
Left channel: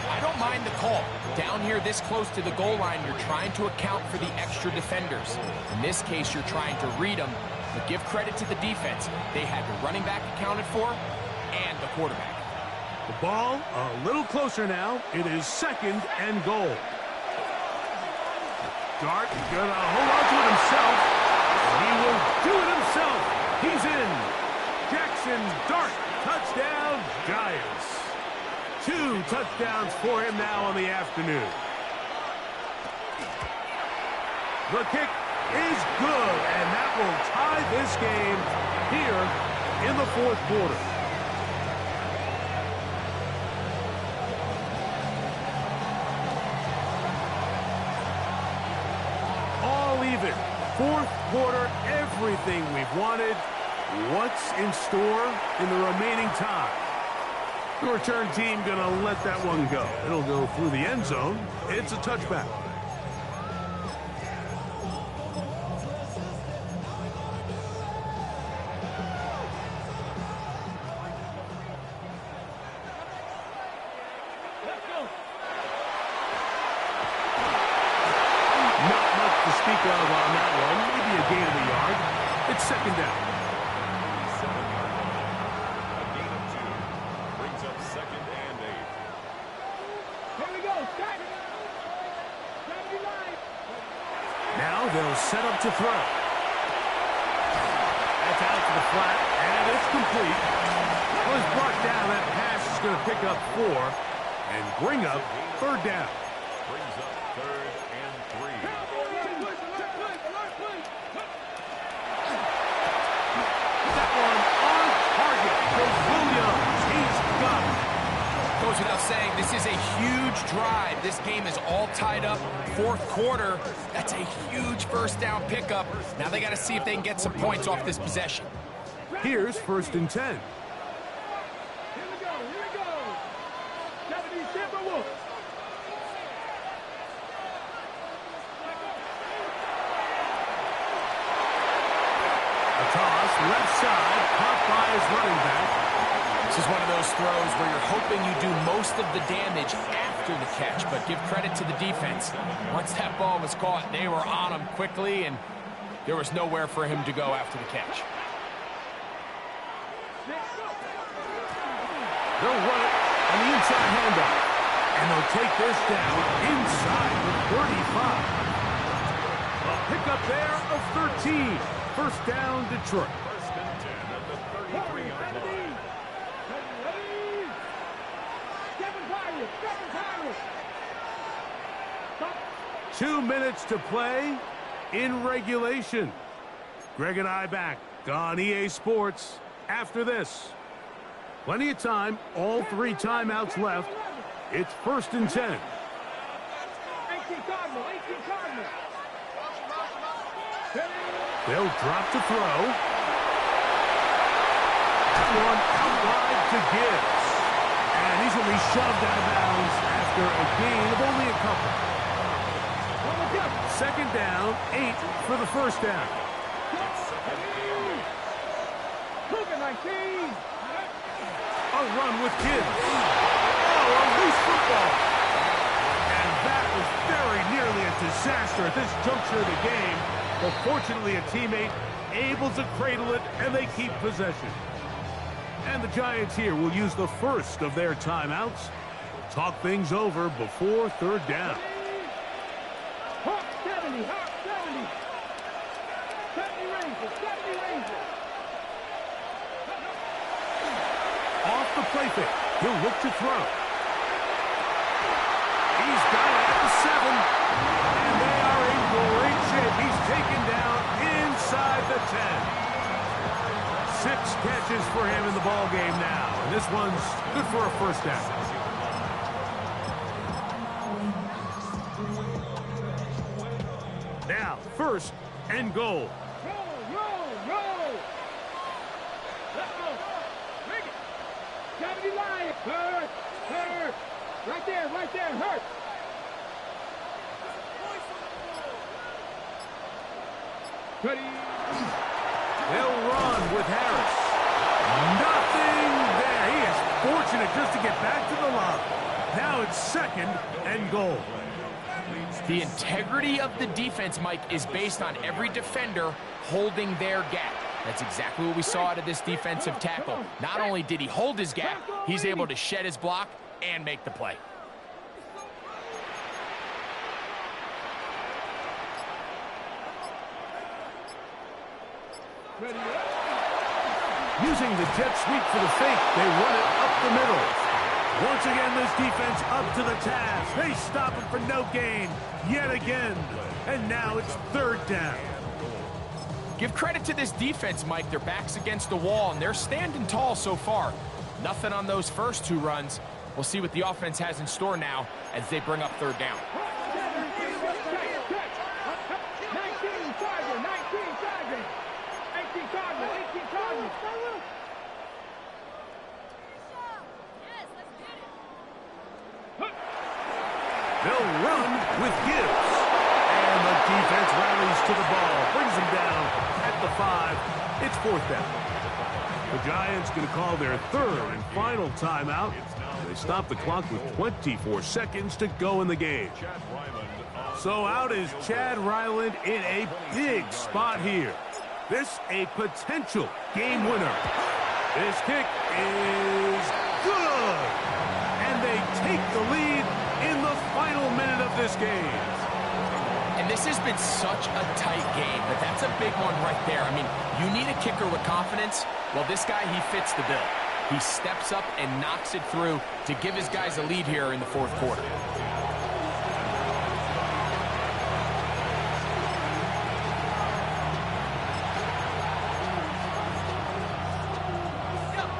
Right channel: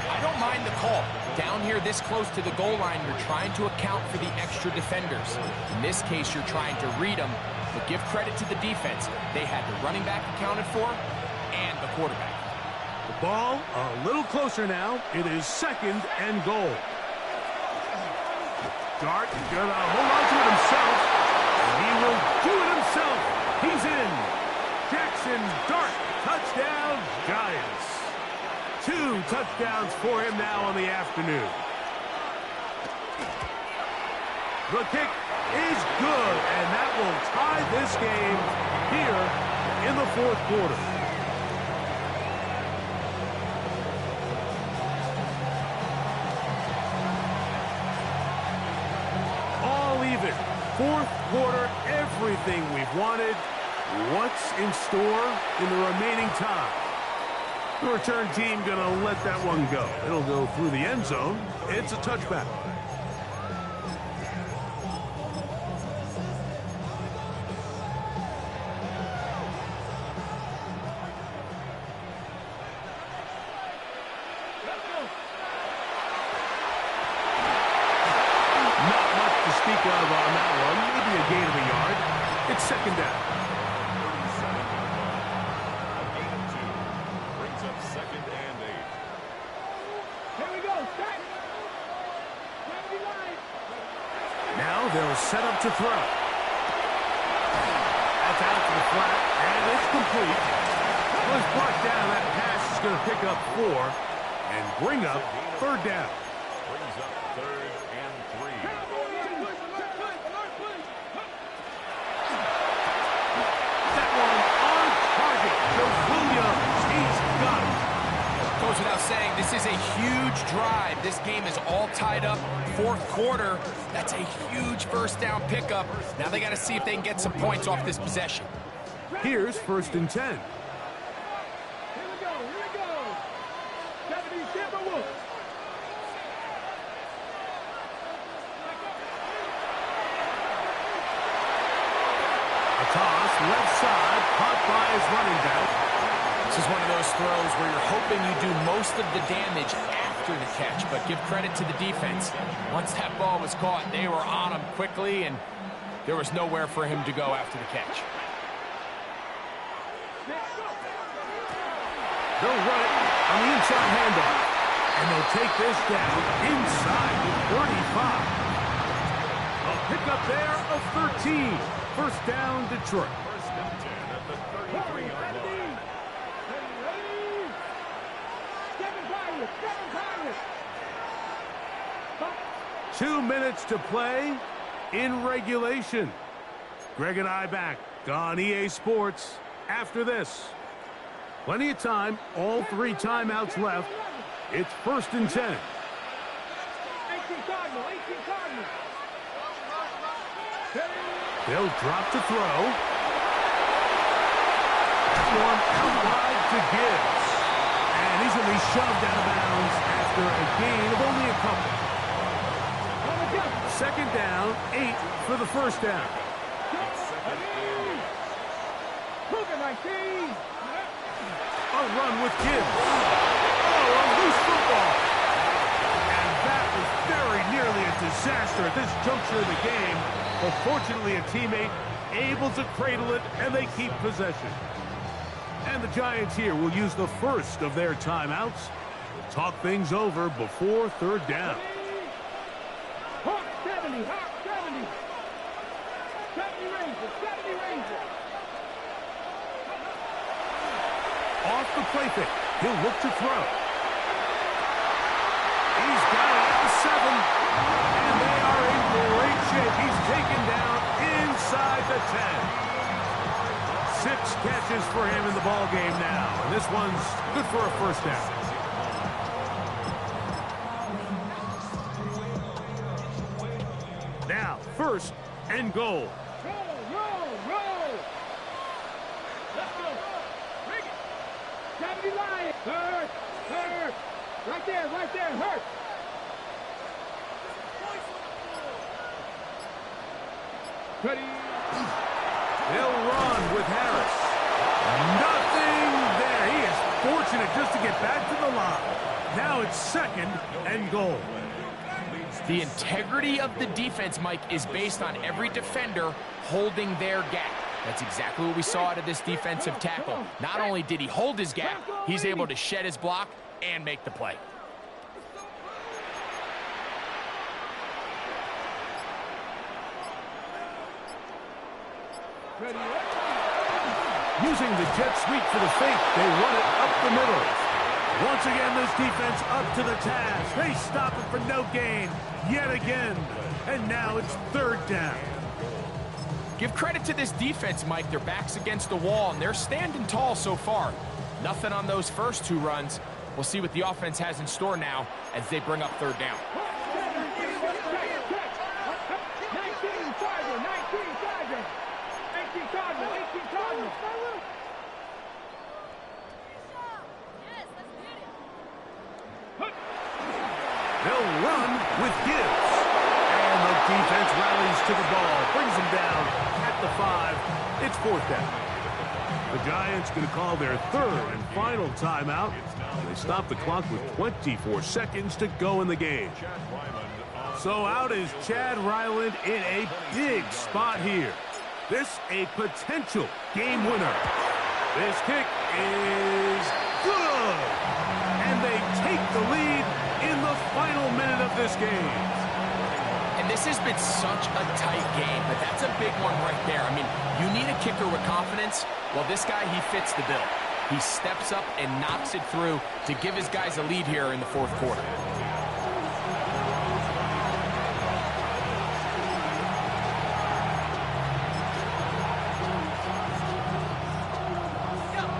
I don't mind the call. Down here this close to the goal line, you're trying to account for the extra defenders. In this case, you're trying to read them, but give credit to the defense. They had the running back accounted for and the quarterback. The ball a little closer now. It is 2nd and goal. Dart going to hold on to it himself. And he will do it himself. He's in. Jackson Dart, touchdown, Giants. 2 touchdowns for him now on the afternoon. The kick is good, and that will tie this game here in the 4th quarter. All even. 4th quarter, everything we've wanted. What's in store in the remaining time? The return team going to let that one go. It'll go through the end zone. It's a touchback. of on that one. Maybe a gain of a yard. It's second down. 37-yard line. A gain of 2 brings up second and 8. Here we go. Start. 79. Now they'll set up to throw. That's out to the flat, and it's complete. Well, it's brought down. That pass is going to pick up 4 and bring up third down. Brings up third and 3. That one on target to Williams. He's got it. Goes without saying, this is a huge drive. This game is all tied up. Fourth quarter, that's a huge first down pickup. Now they got to see if they can get some points off this possession. Here's first and 10. Here we go. Here we go. 70 Timberwolves. A toss, left side, caught by his running back. This is one of those throws where you're hoping you do most of the damage after the catch, but give credit to the defense. Once that ball was caught, they were on him quickly, and there was nowhere for him to go after the catch. They'll run it on the inside handoff, and they'll take this down inside the 35. A pickup there of 13. First down, Detroit. First and 10 at the 33-yard line. 2 minutes to play in regulation. Greg and I back on EA Sports after this. Plenty of time, all 3 timeouts left. It's first and 10. 18 Cardinal, 18 Cardinal. They'll drop to throw. That one out wide to Gibbs. And he's going to be shoved out of bounds after a gain of only a couple. Second down, 8 for the first down. It's second and 8. Cougar 19. A run with Gibbs. Oh, a loose football. And that was very nearly a disaster at this juncture of the game. But fortunately, a teammate able to cradle it, and they keep possession. And the Giants here will use the first of their timeouts. We'll talk things over before third down. Hawk 70, Hawk 70. 70 Rangers, 70 Rangers. Off the play fake. He'll look to throw. He's got it at the 7. And they are in great shape. He's taken down inside the 10. 6 catches for him in the ball game now. And this one's good for a first down. Now, first and goal. Roll. Let's go. Bring it. 70 Lions. Hurt. Right there, hurt. Ready. They'll run with Harris. Nothing there. He is fortunate just to get back to the line. Now it's second and goal. The integrity of the defense, Mike, is based on every defender holding their gap. That's exactly what we saw out of this defensive tackle. Not only did he hold his gap, he's able to shed his block and make the play. Ready. Using the jet sweep for the fake, they run it up the middle. Once again, this defense up to the task. They stop it for no gain yet again. And now it's third down. Give credit to this defense, Mike. Their back's against the wall, and they're standing tall so far. Nothing on those first 2 runs. We'll see what the offense has in store now as they bring up third down. 19 Charger. 18 Cardinal. Yes, let's get it. They'll run with Gibbs. And the defense rallies to the ball, brings them down at the 5. It's fourth down. The Giants going to call their third and final timeout. They stop the clock with 24 seconds to go in the game. So out is Chad Ryland in a big spot here. This a potential game winner. This kick is good. And they take the lead in the final minute of this game. And this has been such a tight game, but that's a big one right there. I mean, you need a kicker with confidence. Well, this guy, he fits the bill. He steps up and knocks it through to give his guys a lead here in the fourth quarter.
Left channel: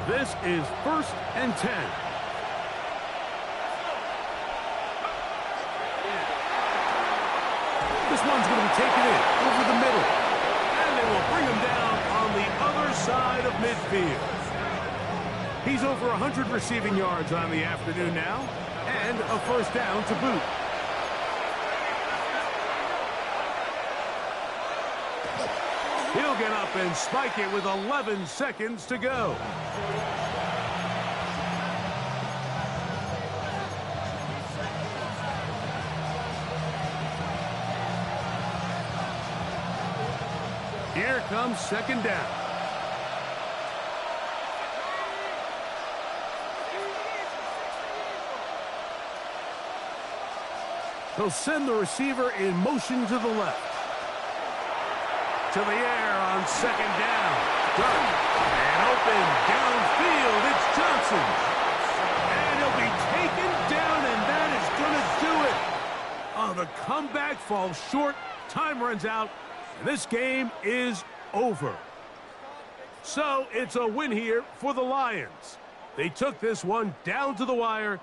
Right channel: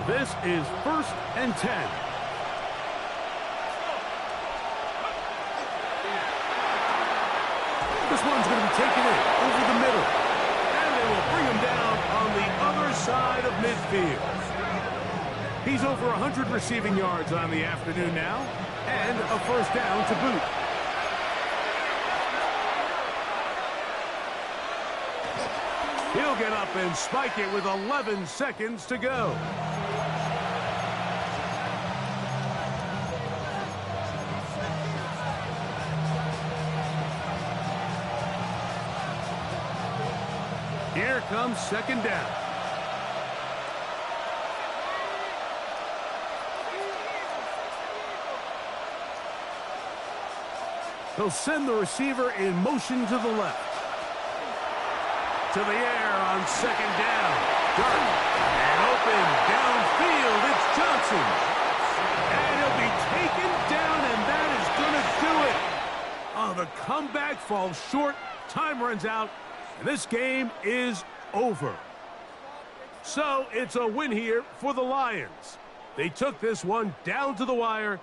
This is 1st and 10. This one's going to be taken in over the middle. And they will bring him down on the other side of midfield. He's over 100 receiving yards on the afternoon now, and a first down to boot. He'll get up and spike it with 11 seconds to go. Here comes second down. He'll send the receiver in motion to the left. To the air on second down. Dark and open downfield. It's Johnson. And he'll be taken down, and that is going to do it. Oh, the comeback falls short. Time runs out. And this game is over. So it's a win here for the Lions. They took this one down to the wire.